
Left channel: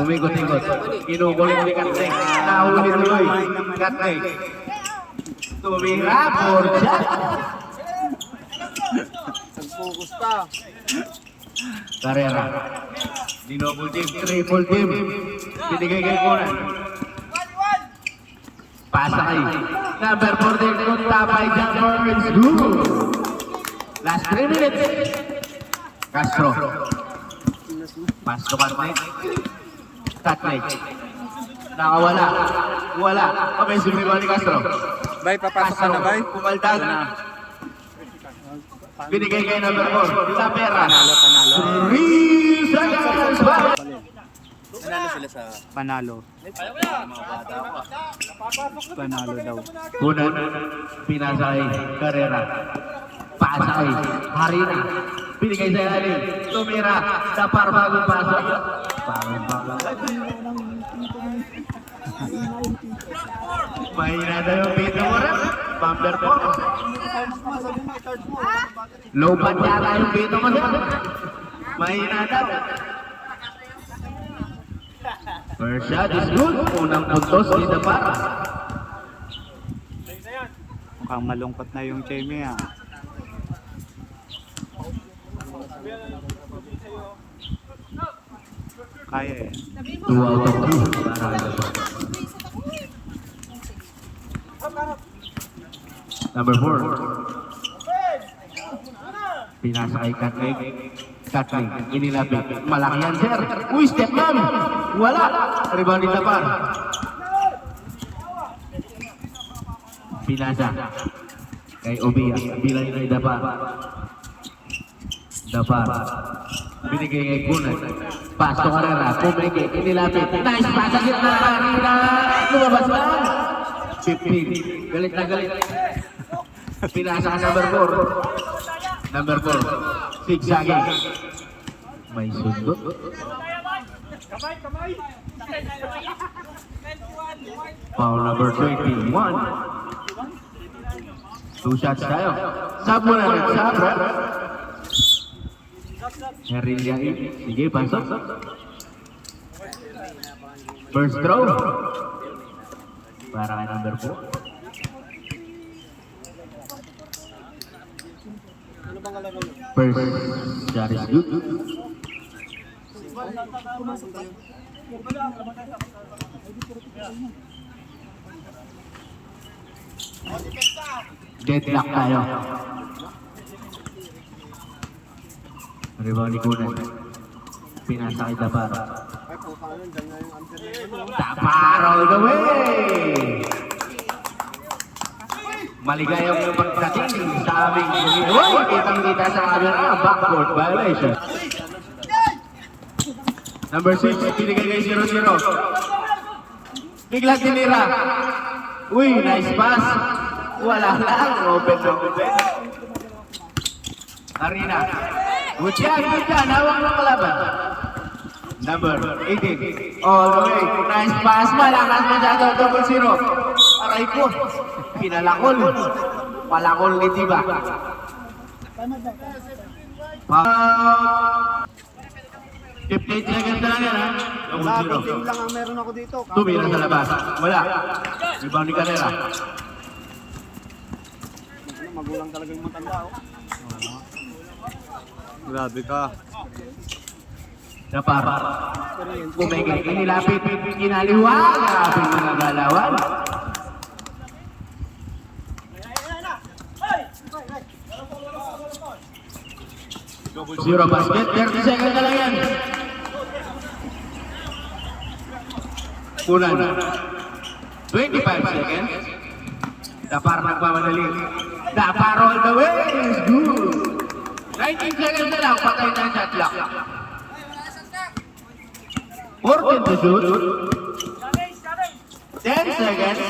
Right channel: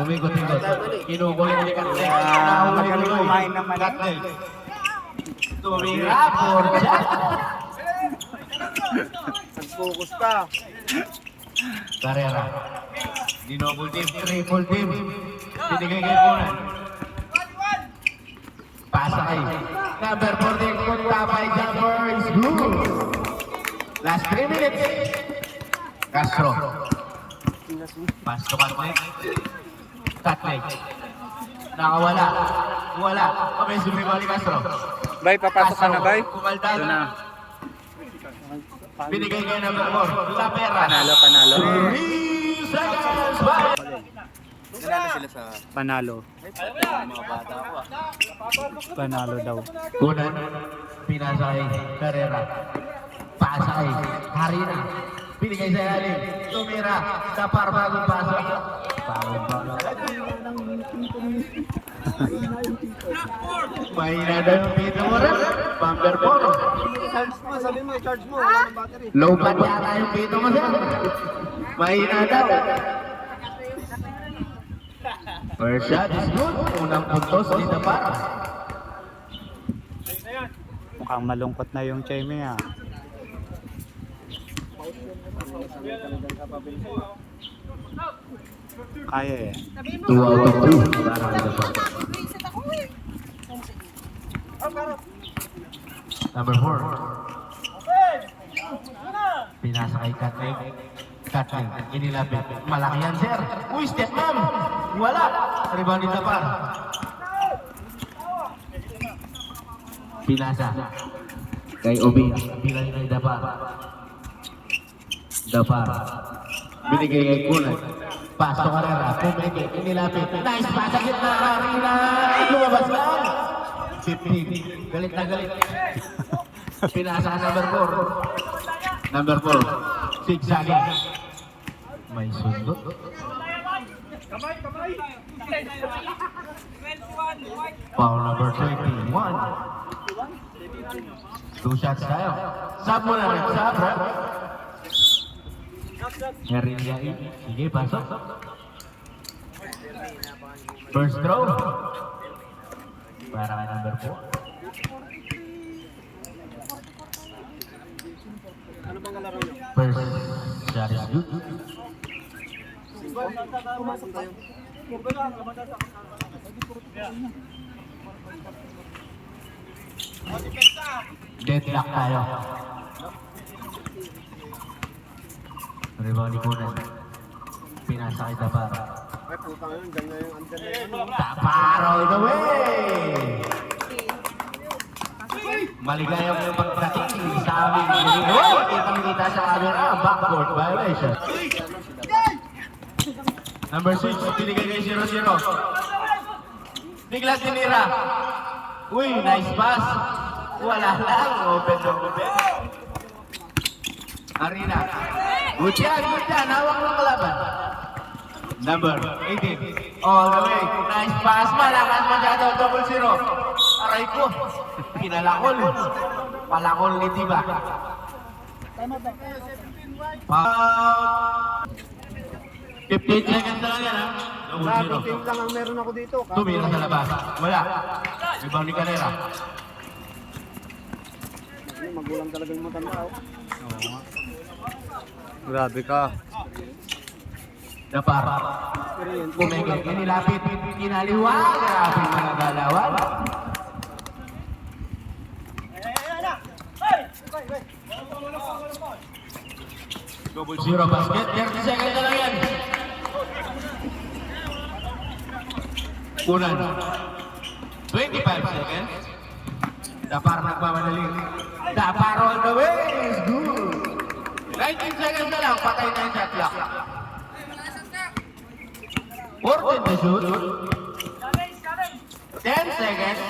Umikot-ikot. Kinukulit ni Katne. Nahuli tuloy. kumain naman. Katne. Tumira. Porja. Nag-focus pa. Carrera. Dinouble team. Triple team. Binigay kay Kunan. Pasa kay number 14. Punta pa kay jumper. It's good. Last 3 minutes. Castro. Pass to Katne. Katne. Nakawala. Wala. Offensive rebound ni Castro. Bay, papasok ka na, Bay? Kumaltad. Ito na. Binigay kay number 4. Sa pera. Panalo, panalo. 3 seconds. Panalo. Panalo daw. Kunan, pinasay, Carrera. Pasay, Harina. Binigay sa ilalim. Tumira. Dapar bagong pasok. Mahina na yung pito mo rin. Bumper 4. Sabi mo, charge mo. Wala ng battery. Low band yata yung pito mo rin. Mahina daw. First shot is good. Unang puntos ni Dapar. Mukhang malungkot na yung Chemi ah. Kaya eh. 2 out of 2. Number 4. Pinasa kay Katling. Katling, inilapit. Malaki yan, sir. Uy, step ma'am. Wala. Rebound ni Dapar. Pinasa. Kay Obia. Bilang kay Dapar. Dapar. Binigay kay Kunan. Pasto Carrera. Pumeke. Inilapit. Nice pass. Sa gitna. Carrera. Lumabas lang. 15. Galit na galit. Pinasa ka number 4. Number 4. Zigzagging. May sundo. Foul number 21. 2 shots tayo. Sub mo na rin. Sub, bro. Herillain. Sige, pasok. First throw. Para kay number 4. First shot is good. Deadlock tayo. Rebound ni Kunan. Pinasa kay Dapar. Ay, putang yun. Diyan na yung under na yun. Dapar all the way! Maligayang yung pagdating sa aming kitang-kita sa camera, backcourt violation. Number 6, pinigay kay 0-0. Bigla tinira. Uy, nice pass. Wala lang, open na open. Arena. Good yan, hawak ng kalaban. Number 18, all the way. Nice pass, malakas masyado, 0-0. Aray ko. Pinalakol. Palakol ni Tiba. Foul. 15 seconds na lang yan, ha? Labi team lang ang meron ako dito. Tumira sa labas. Wala. Rebound ni Carrera. Magulang talaga yung matanda. Oh. Grabe ka. Dapar. Kumigil. Inilapit. Inaliwa. Grabe mga galawan. Zero basket. 30 seconds na lang yan. Kunan. 25 seconds. Dapar nagmamadali. Dapar all the way. Is good. 19 seconds na lang. Patay na yung shot clock. 14 to shoot. 10 seconds.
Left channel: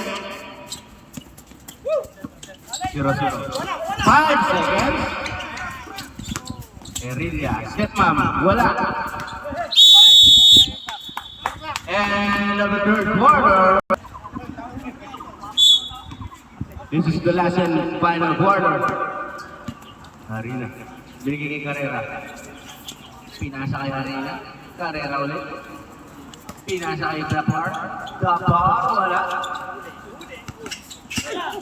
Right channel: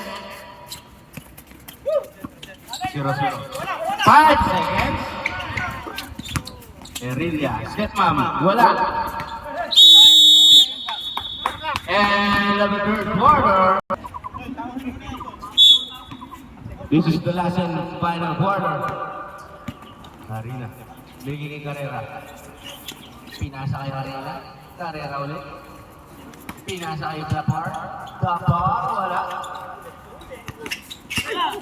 0-0. 5 seconds. Erilla. Step mom. Wala. And of the third quarter. This is the last and final quarter. Harina. Binigay kay Carrera. Pinasa kay Harina. Carrera ulit. Pinasa kay Dapar. Dapar. Wala.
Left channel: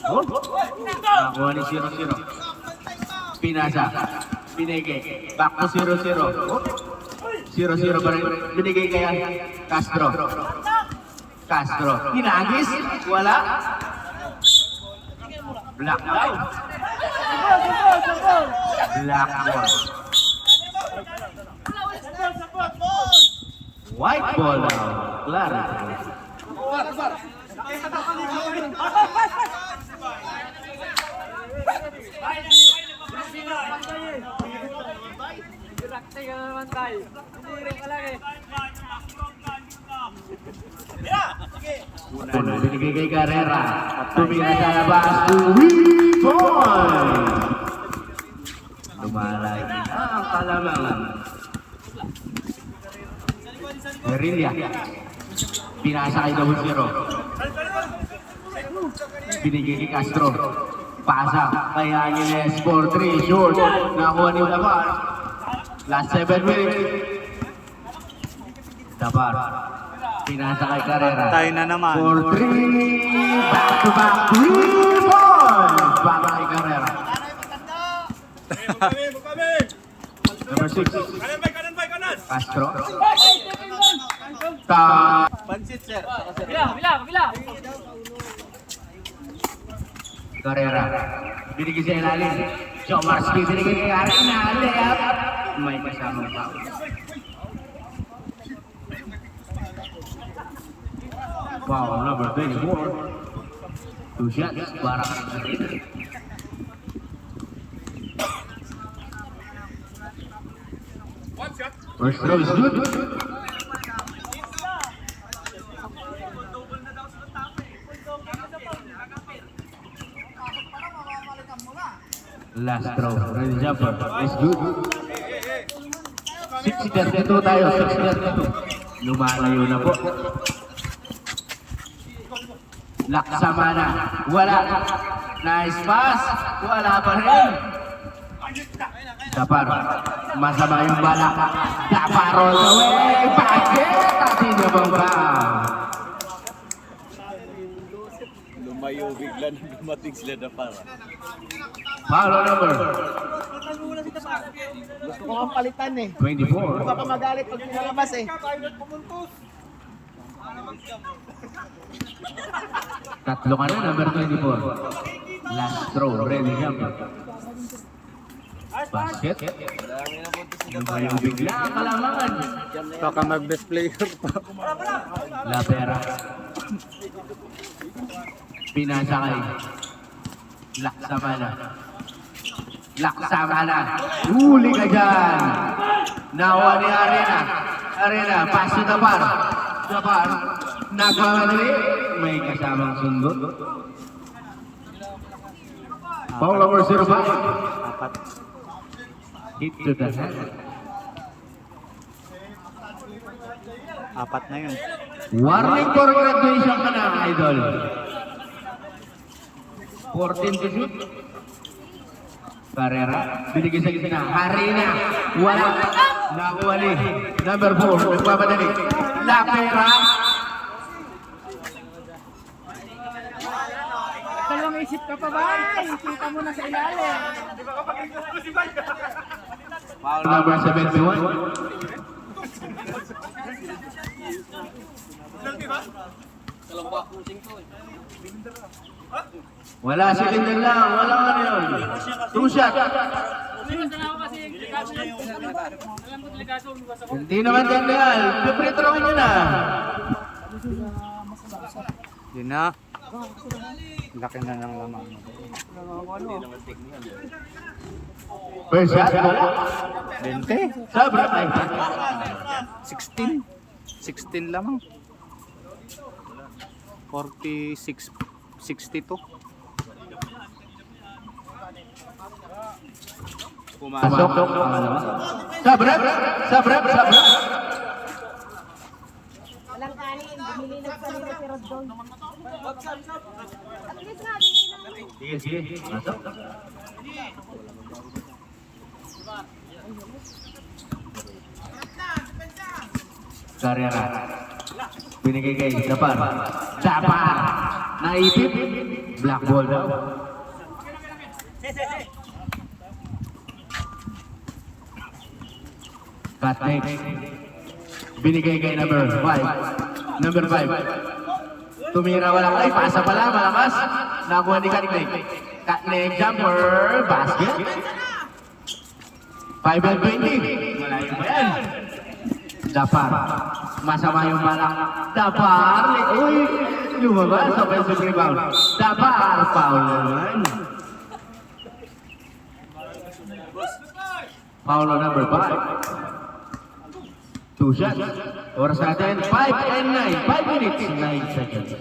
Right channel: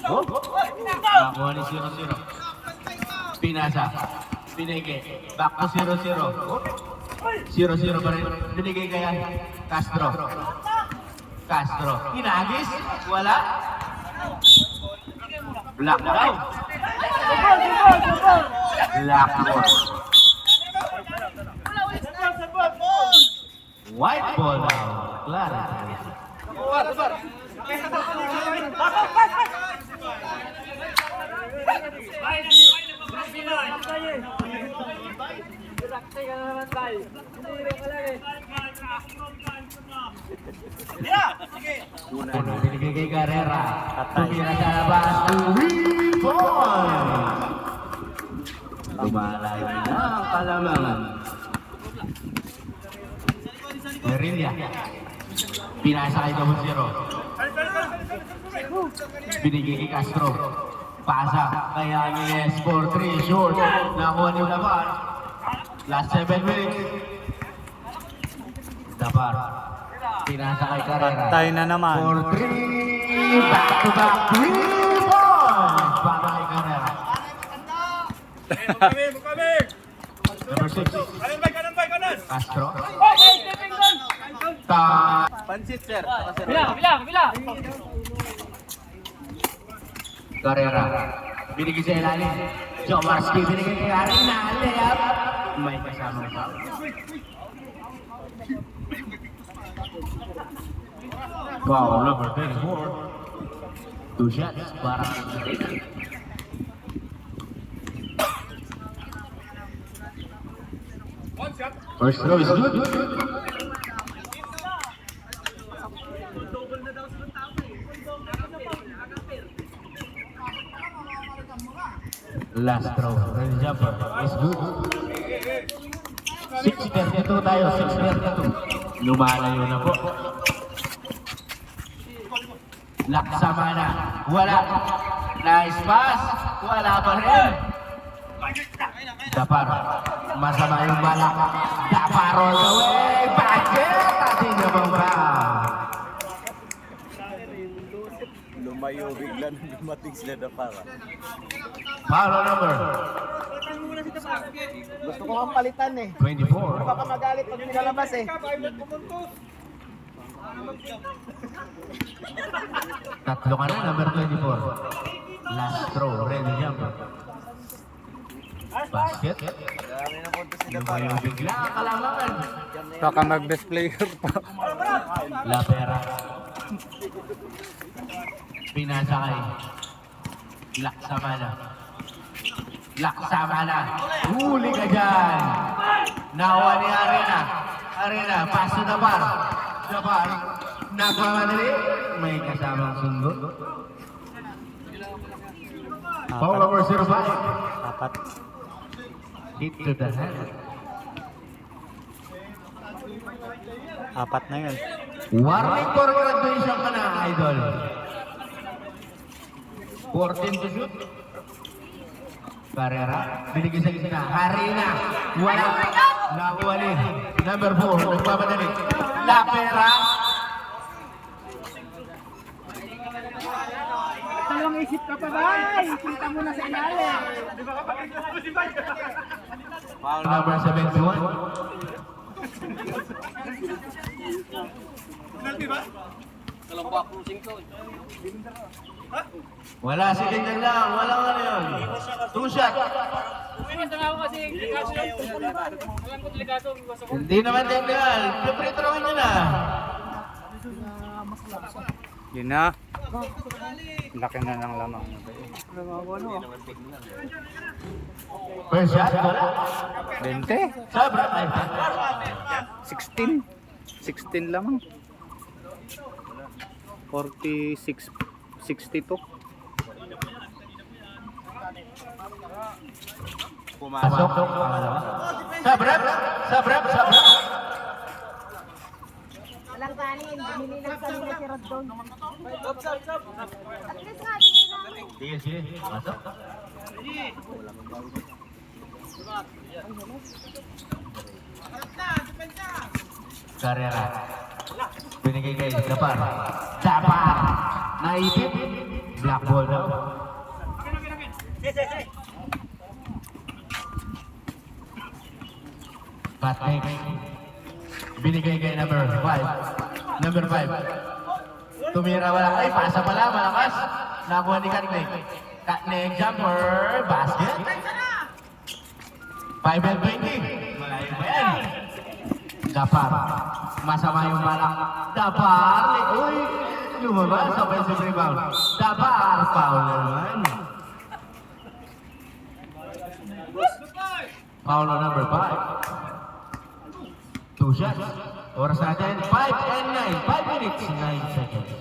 Oh. Nakuha ni 0-0. Pinasa. Binigay. Back to 0-0. Oh. 0-0 pa rin. Binigay kaya Castro. Castro. Hinagis. Wala. Black ball. Black ball. White ball now. Clara. Kasi ka naman tayo. Hindi ka lang eh. Una, binigay kay Carrera. Tumira sa labas. Point! Lumalay na ang kalamangan. Guerrilla. Pinasa kay Double Zero. Binigay kay Castro. Pasa kay Angeles for 3. Short. Nakuha ni Dabar. Last 7 minutes. Dabar. Pinasa kay Carrera. Tayo na naman. For 3. Back to back 3 points. Para kay Carrera. Number 6. Castro. Pansit, sir. Bila. Carrera. Binigay sa ilalim. Jomarski binigay kay Arina. Layup. May kasama pa. Wow, number 24. 2 shots para kay Arina. First throw is good. Last throw, ready jumper, is good. 6-32 tayo, 6-32. Lumalayo na po. Laksamana, wala. Nice pass, wala pa rin. Dapar, masama yung bala. Dapar all the way, bakit? At hindi bang ba? Lumayo bigla na dumating sila na para. Foul number Gusto ko kong palitan eh. 24. Baka magalit pag lumalabas eh. Tatlo ka na, number 24. Last throw, ready jumper. Basket. Lumayo bigla ang kalamangan. Baka mag-best player pa. La Pera. Pinasa kay Laksamana. Laksamana. Huli ka dyan. Nawa ni Arena. Arena, pass to Dapar. Dapar. Nagmamadali. May kasamang sundo. Foul number 05. Apat. Hit to the head. Apat na yun. Warning for graduation ka na, idol. 14 to shoot. Carrera, binigay sa gitna. Harina, wala. Nakuha ni number 4, nagpapadali. La Pera. Dalawang isip ka pa ba? Kita mo na sa ilalim. Foul number 71. Wala si Linden lang, wala ano yun. 2 shot. Umiwas na ako kasi delikado yun. Alam ko delikado. Umiwas ako. Hindi naman tanggal. Free throw nyo na. Yun na. Laki na ng lamang. First shot. 20. Sabra. Ay, 16. 16 lamang. 46. 62. Pasok. Sabra. Sabra. Sabra. Walang kanin, bumili ng sarili si Rodon. At least nga, Sige, sige. Pasok. Carrera. Binigay kay Dapar. Dapar. Naipit. Black ball daw. Cut next. Binigay kay number 5. Number 5. Tumira wala kay pasa pala malakas. Nakuha ni Katnek. Katnek jumper basket. 5 and 20. Malayo pa yan. Dapar. Masama yung balak. Dapar. Uy. Lumabas. Offensive rebound. Dapar. Foul naman. Foul number 5. Two shots. Oras natin, 5 and 9. 5 minutes, 9 seconds.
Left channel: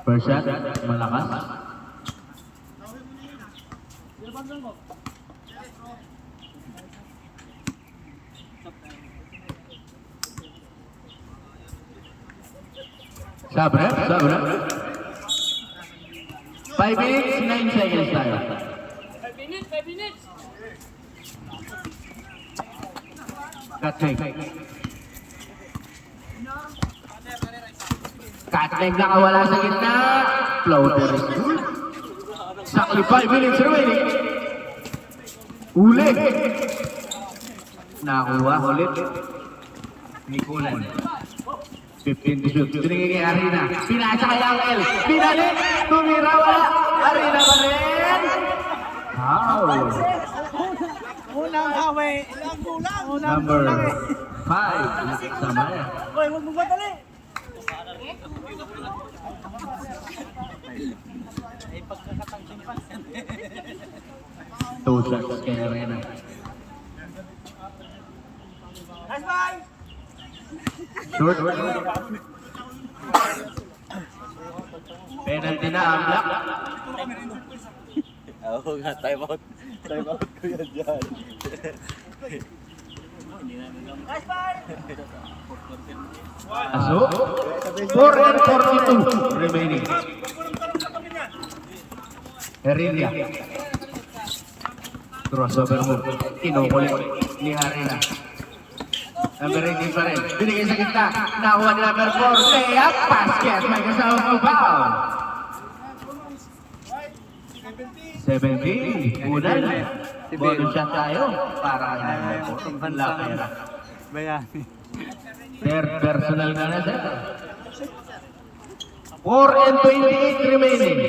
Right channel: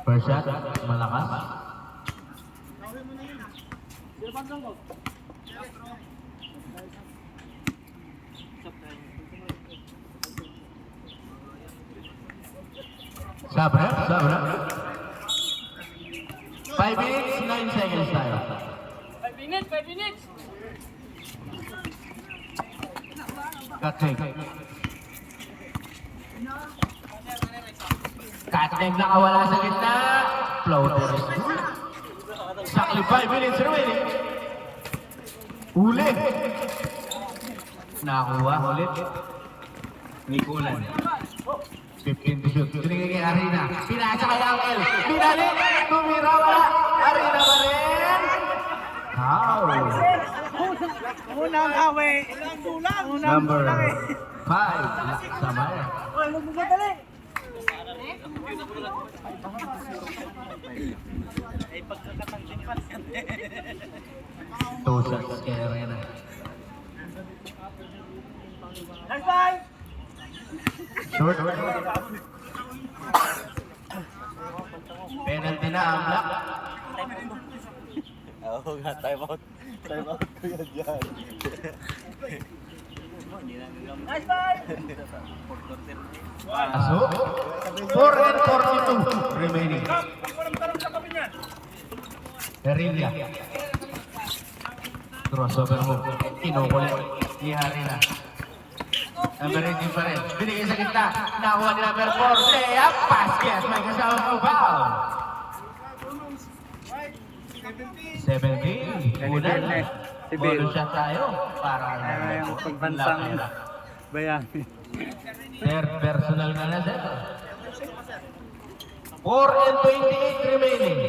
First shot, malakas. Sabre. 5 minutes, 9 seconds tayo. 5 minutes. Cut leg. Cut leg nakawala sa gitna. Floater is good. Sakli 5 minutes remaining. Uli. Nakuha ulit. Nikulan. 15 to shoot. Binigay kay Arena. Pinasa kay Angel. Binalik. Tumira wala. Arena pa rin. Wow. Unang away. Unang Number kulang eh. 5. Samay. Hoy, huwag mo madali. Ay, pagkakatangsimpan yan. 2 shots kay Arena. Nice bye! Short. Penalty na ang block. Oo nga, time out. Time out ko yan dyan. Nice bye! Aso. 4 and 42 remaining. Arena. Crossover move. Kinukulit ni Arena. Number 18 pa rin. Binigay sa gitna. Nakuha ni number 4. Layup. Basket. May kasama pang foul. 17. Unang. Si Bill. Bonus shot tayo. Para Ay, yung pambansang bayani. Third personal ka na, sir. 4 and 28 remaining.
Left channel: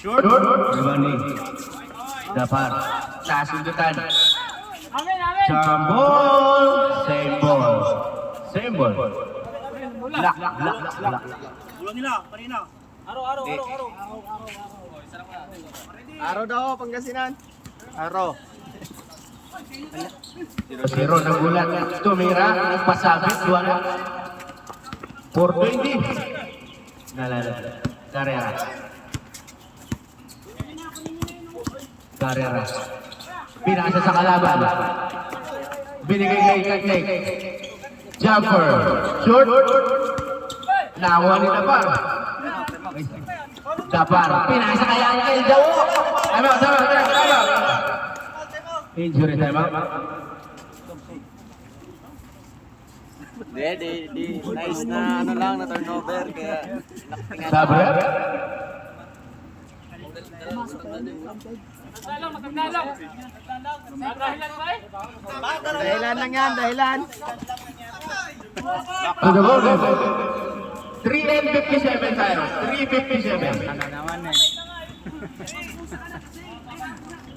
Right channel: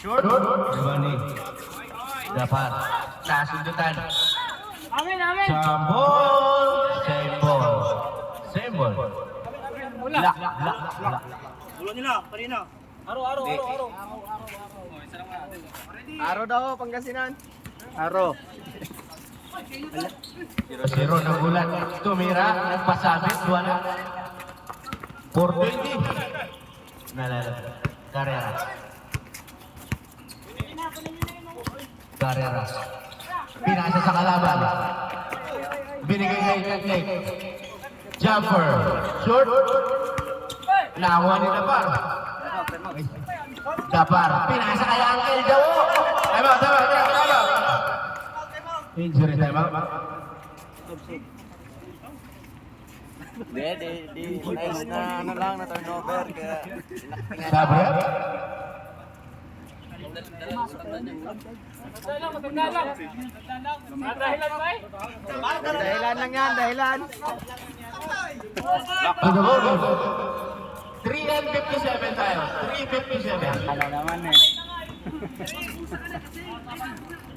Short. Giovanni. Dapat. Kasundutan. Amen. Jump ball. Same ball. Same ball. Lock. Ulo nila, parina. Aro. Araw daw, Pangasinan. Aro. Zero na gulat. Tumira. Nagpasabit. Wala. 420. Nalala. Carrera. Pinasa sa kalaban. Binigay kay Kaknek. Jumper. Short. Nakuha ni Dapar. Dapar. Pinasa kay Angel daw. Tama. Injury time out. Di. Nice na ano lang na turnover. Kaya Sabre. Magdalang. Dahilan lang yan, dahilan. To the ball. 3 and 57 tayo. 3:57. Ano naman eh.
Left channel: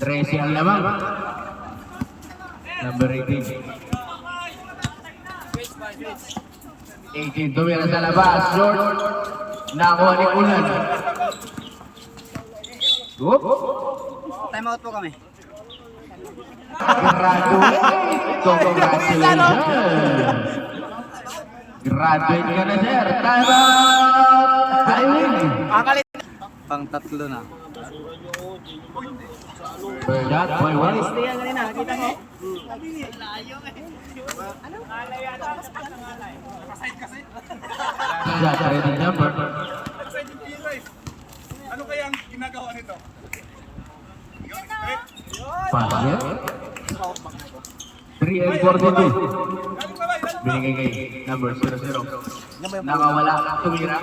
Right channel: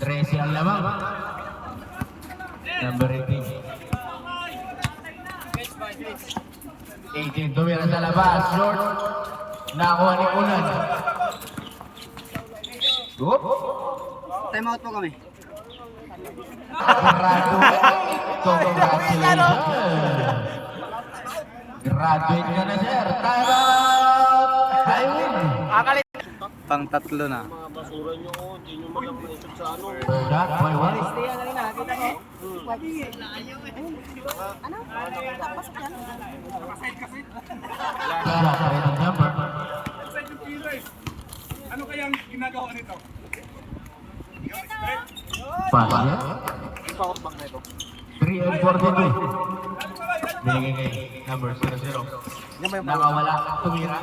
13 ang lamang. Number 18. 18 tumira sa labas. Short. Nakuha ni Ulan. Whoop. Time out po kami. Congratulations. Graduate ka na, sir. Time out. Highway. Pang tatlo na. Shot, boy, one. Shot, ready jumper. ano kaya ang ginagawa nito? Basket. 3 and 42. Binigay kay number 00. Nakawala, tumira.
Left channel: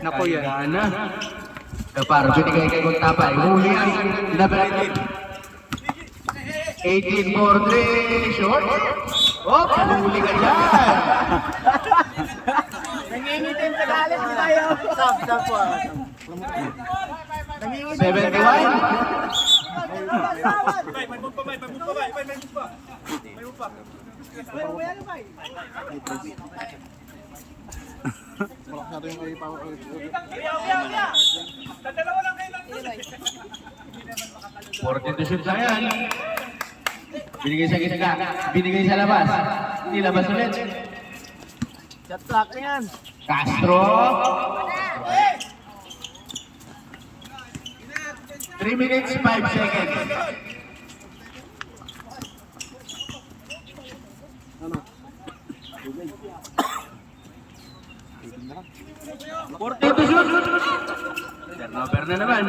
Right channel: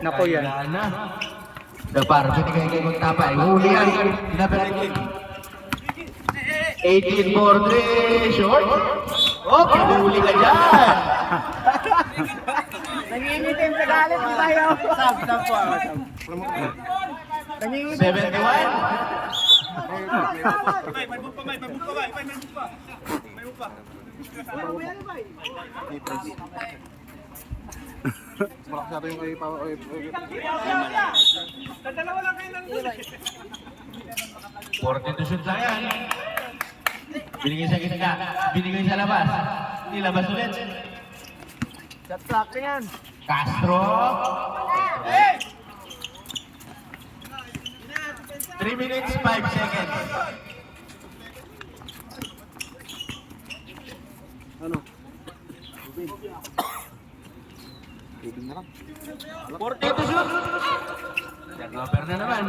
Nako yan. Gana. Nagparo, binigay kay Guntapay. Huli yan. Number 18 for 3. Short. Oh, pinuli ka dyan. Nangingitin sa galit mo tayo. Sab po. 71. May move pa. May move pa. Malakas natin yung kayo pa. Dalawa lang kayo lang doon. 40 to shoot lang yan. Binigay sa gitna. Binigay sa labas. Nilabas ulit. That's lock yan. Castro. 3 minutes, 5 seconds. Ano? 40 to shoot. Turnover na naman.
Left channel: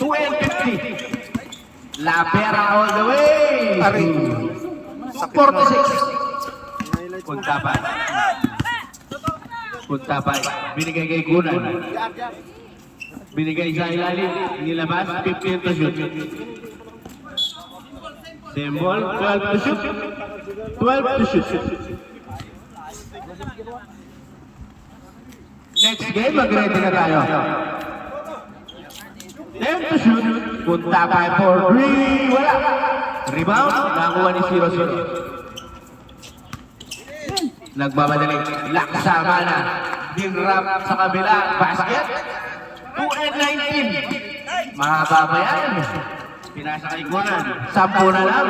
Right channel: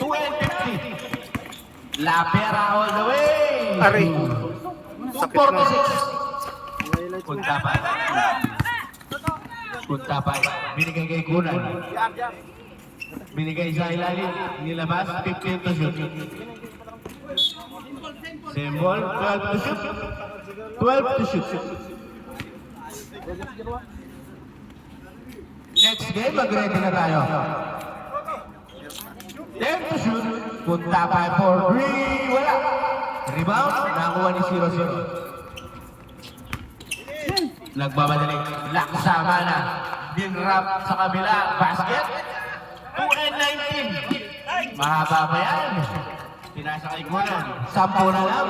2 and 50. La Pera all the way. Aray. 46. Highlights mo. Kuntapay. Kuntapay. Binigay kay Kunan. Binigay sa ilalim. Nilabas. 15 to shoot. Symbol. 12 to shoot. 12 to shoot. Next game, mag-ready na tayo. 10 to shoot. Kuntapay for 3. Wala. Rebound. Nakuha ni 0-0. Nagmamadali. Laksama na. Dinrap sa kabila. Basket. 2 and 19. Mahaba ba yan? Pinasa kay Kunan. 10 na lang.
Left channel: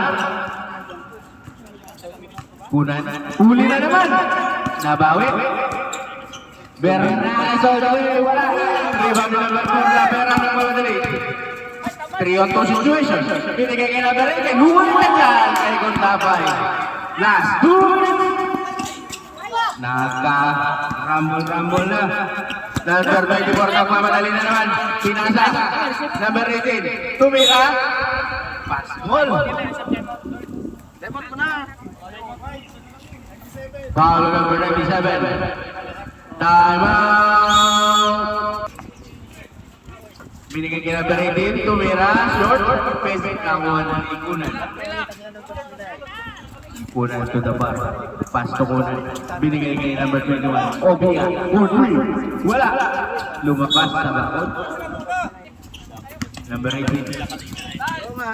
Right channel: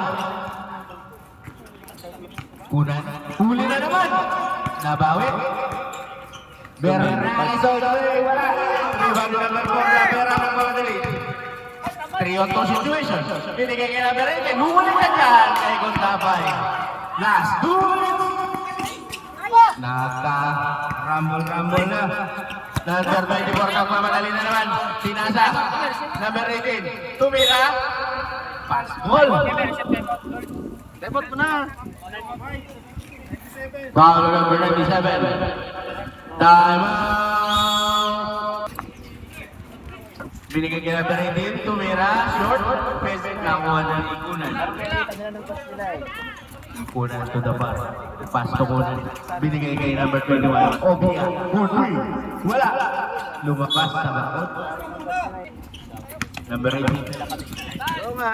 Kunan. Uli na naman. Nabawi. Bernardo all the way. Wala. Rebound na naman for La Pera. Nagmamadali. 3-on-2 situation. Binigay kay La Pera. Luwan na yan kay Kuntapay. Last 2 minutes. Nagka-rumble na. Number 24, nagmamadali na naman. Pinasa. Number 18. Tumira. Pass ball. Debot mo na. Foul number 97. Time out. Binigay kay number 18. Tumira. Short. Peasant. Nakuha ng Ikunan. Kunan to the bar. Pass to Kunan. Binigay kay number 21. Obia. Wala. Lumakas sa bakod. Number 18.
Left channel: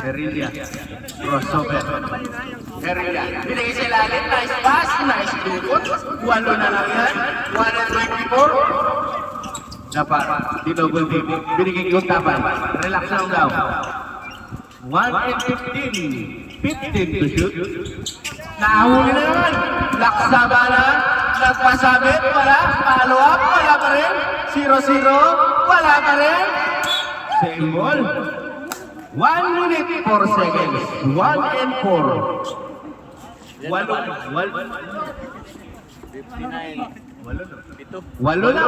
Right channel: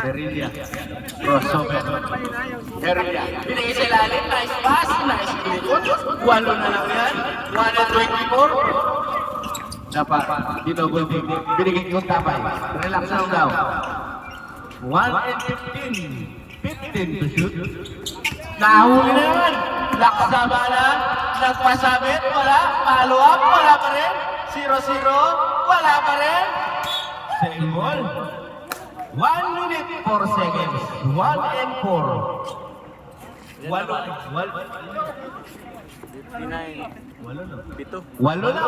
Heredia. Crossover. Heredia. Binigay sa ilalim. Nice pass. Nice shoot. 8 na lang yan. 1 and 24. Dapat. Dinobol team. Binigay kay Kuntapay. Relax lang daw. 1 and 15. 15 to shoot. Nahuli na yan. Laksa bala. Nagpasabit. Wala. Follow up. Wala pa rin. 0-0. Wala pa rin. Same ball. 1 minute 4 seconds. 1 and 4. Walo na.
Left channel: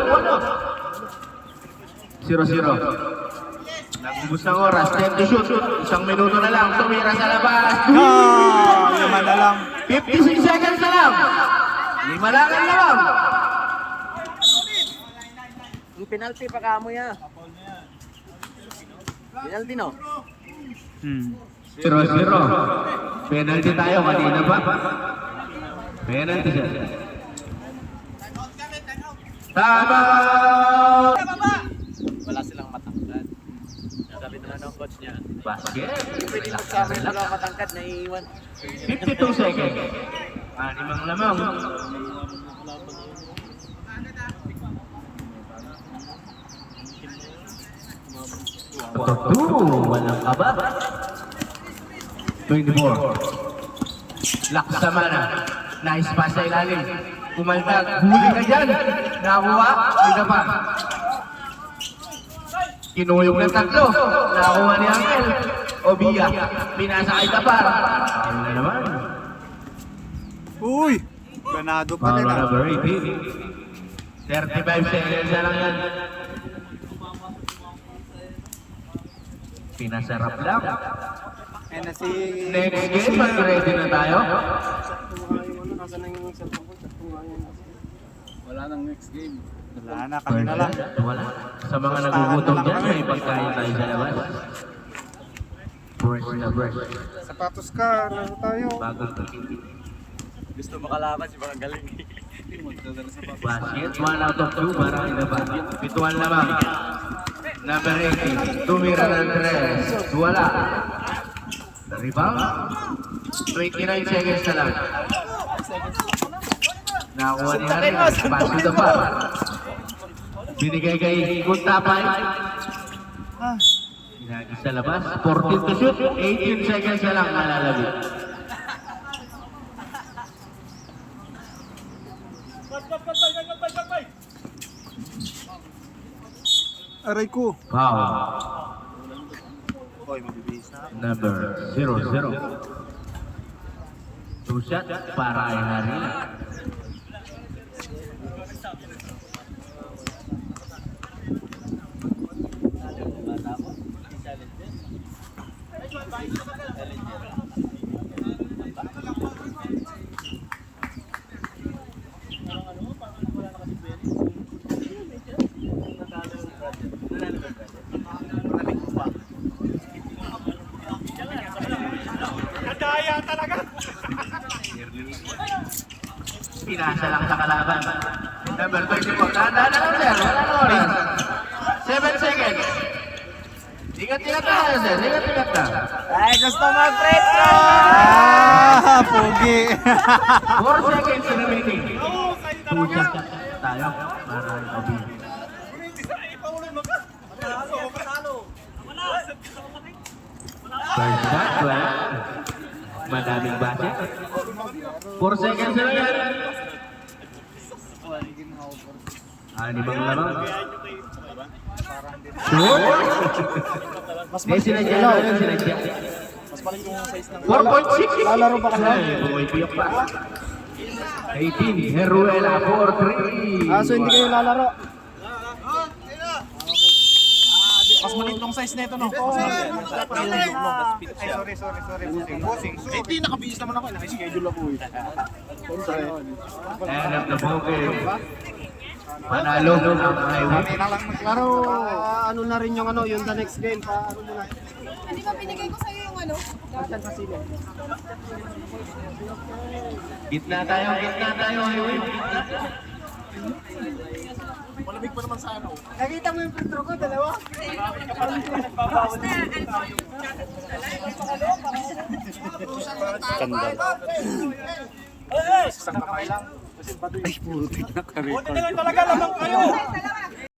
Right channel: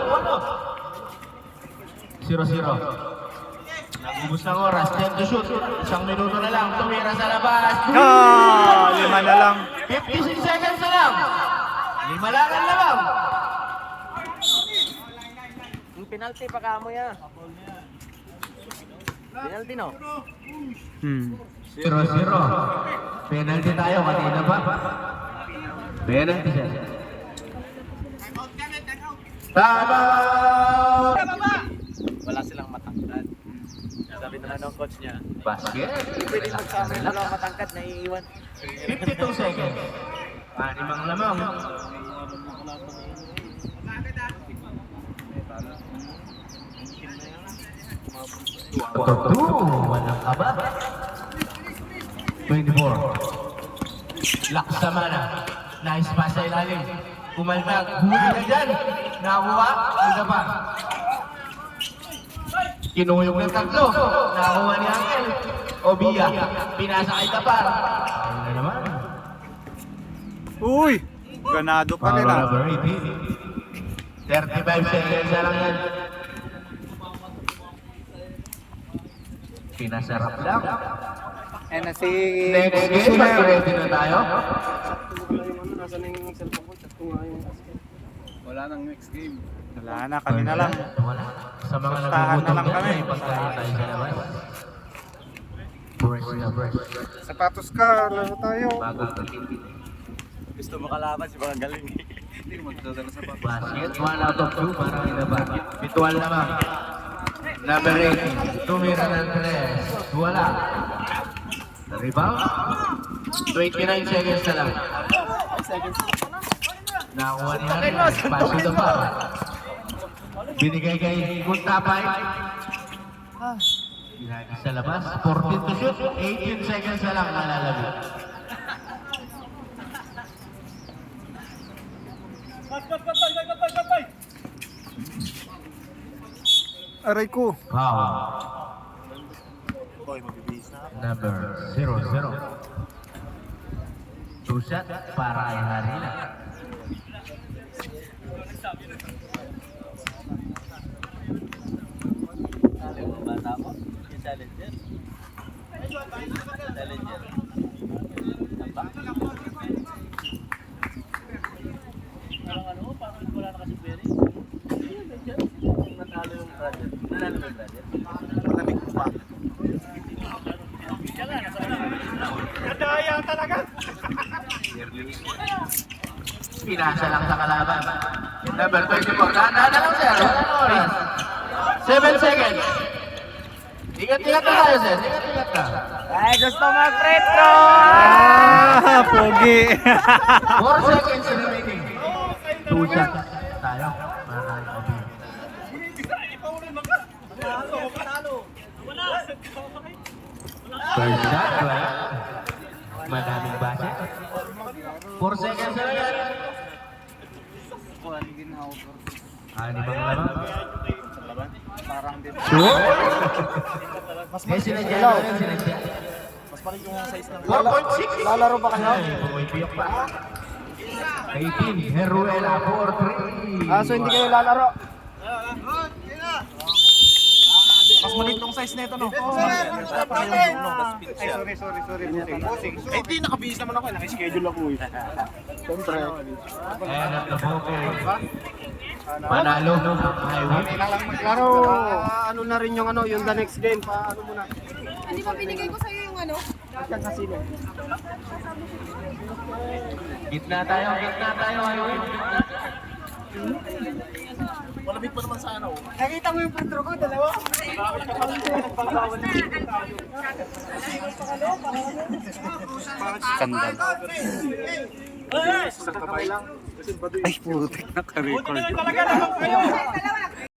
0-0. Nagubos ng oras. 10 to shoot. 1 minuto na lang. Tumira sa labas. Lima na lang. 56 seconds na lang. 5 lang ang lamang. Yung penalty pa kamo ya. Penalty no. 0-0. Penalty tayo kanina pa. Penalty siya. Tama! Wala silang matangkad. Sabi na lang ng coach niya. Basket. Pwede magsama yung mga matangkad na iiwan. 52 seconds. 6 lamang. Walang aba. 24. Laksama na. Nice pass sa ilalim. Kumaldag. Huli ka dyan. Nakuha. Hindi pa. Kinuyog ng tatlo. Nakuha ni Angel. Obia. Pinasa kay Tapar. Ayun na naman. Uy! Ganado pa rin ah. Number 18. 35 seconds na lang yan. Pinasarap lang. Eh na si Next game, ready na tayo. Sakto nga yung ano, nasa na yung cellphone ko. Sakto nga yung Wala nang next game. Wala na, kami na lang. Wala. Sa mga Pustahan na nagugutom lang dyan, kami. may pagkain tayo sa labas. Fresh na fresh. Sapatos ka, ano tayo? Bagong ticket. Gusto makalaban si Barang Galing. Hindi magdadala sa Basket, 1 out of 2 para in the basket. Bituan lamang. Number 18, tumira ng 3. Wala. Rebound. 29 seconds na lang. Nakuha ni Harry. Pass to the bar. Binigay kay Guntapay. Ginagi sa labas. 14 to shoot. 18 seconds na lang malalabi. Aray ko. Foul. Number 00. Two shot para kay Harry. Nadaya talaga. Pinasa lang sa kalaban. Number 34. Dahan-dahan na lang, sir. 7 seconds. Ingat-ingat na tayo, sir. Ingat-ingat na. Ay, gusto mag-free throw! Ah, pogi. 4 seconds remaining. Oo, kayo Two talaga. shots tayo. Madaming base. 4 seconds na yan. Animang lamang. Mas sinadya na yun, sinadya. 4.6. Lalaro ba kayo? Bumibiyak pa. 18, Heruela for 3. Ah, so hindi kayo lalaro? Mas maliit tong size na ito, no? Ay, sorry. Bossing. Eh, di nakabihis naman ako. Naka-schedule ako eh. Ayan ang nabuke. Manalo. Kami na lang maglaro. Ano na rin yung ano, yung the next game pa ano muna. Hindi ba binigay ko sa'yo yung ano? Akan sa sine. Gitna tayo. Ano eh? Malamig pa naman sa ano. Nakita mo yung free throw ko, dalawa? Sandal. Isang kamay lang. Ay, putik na ka-record. Talaga naman kayo.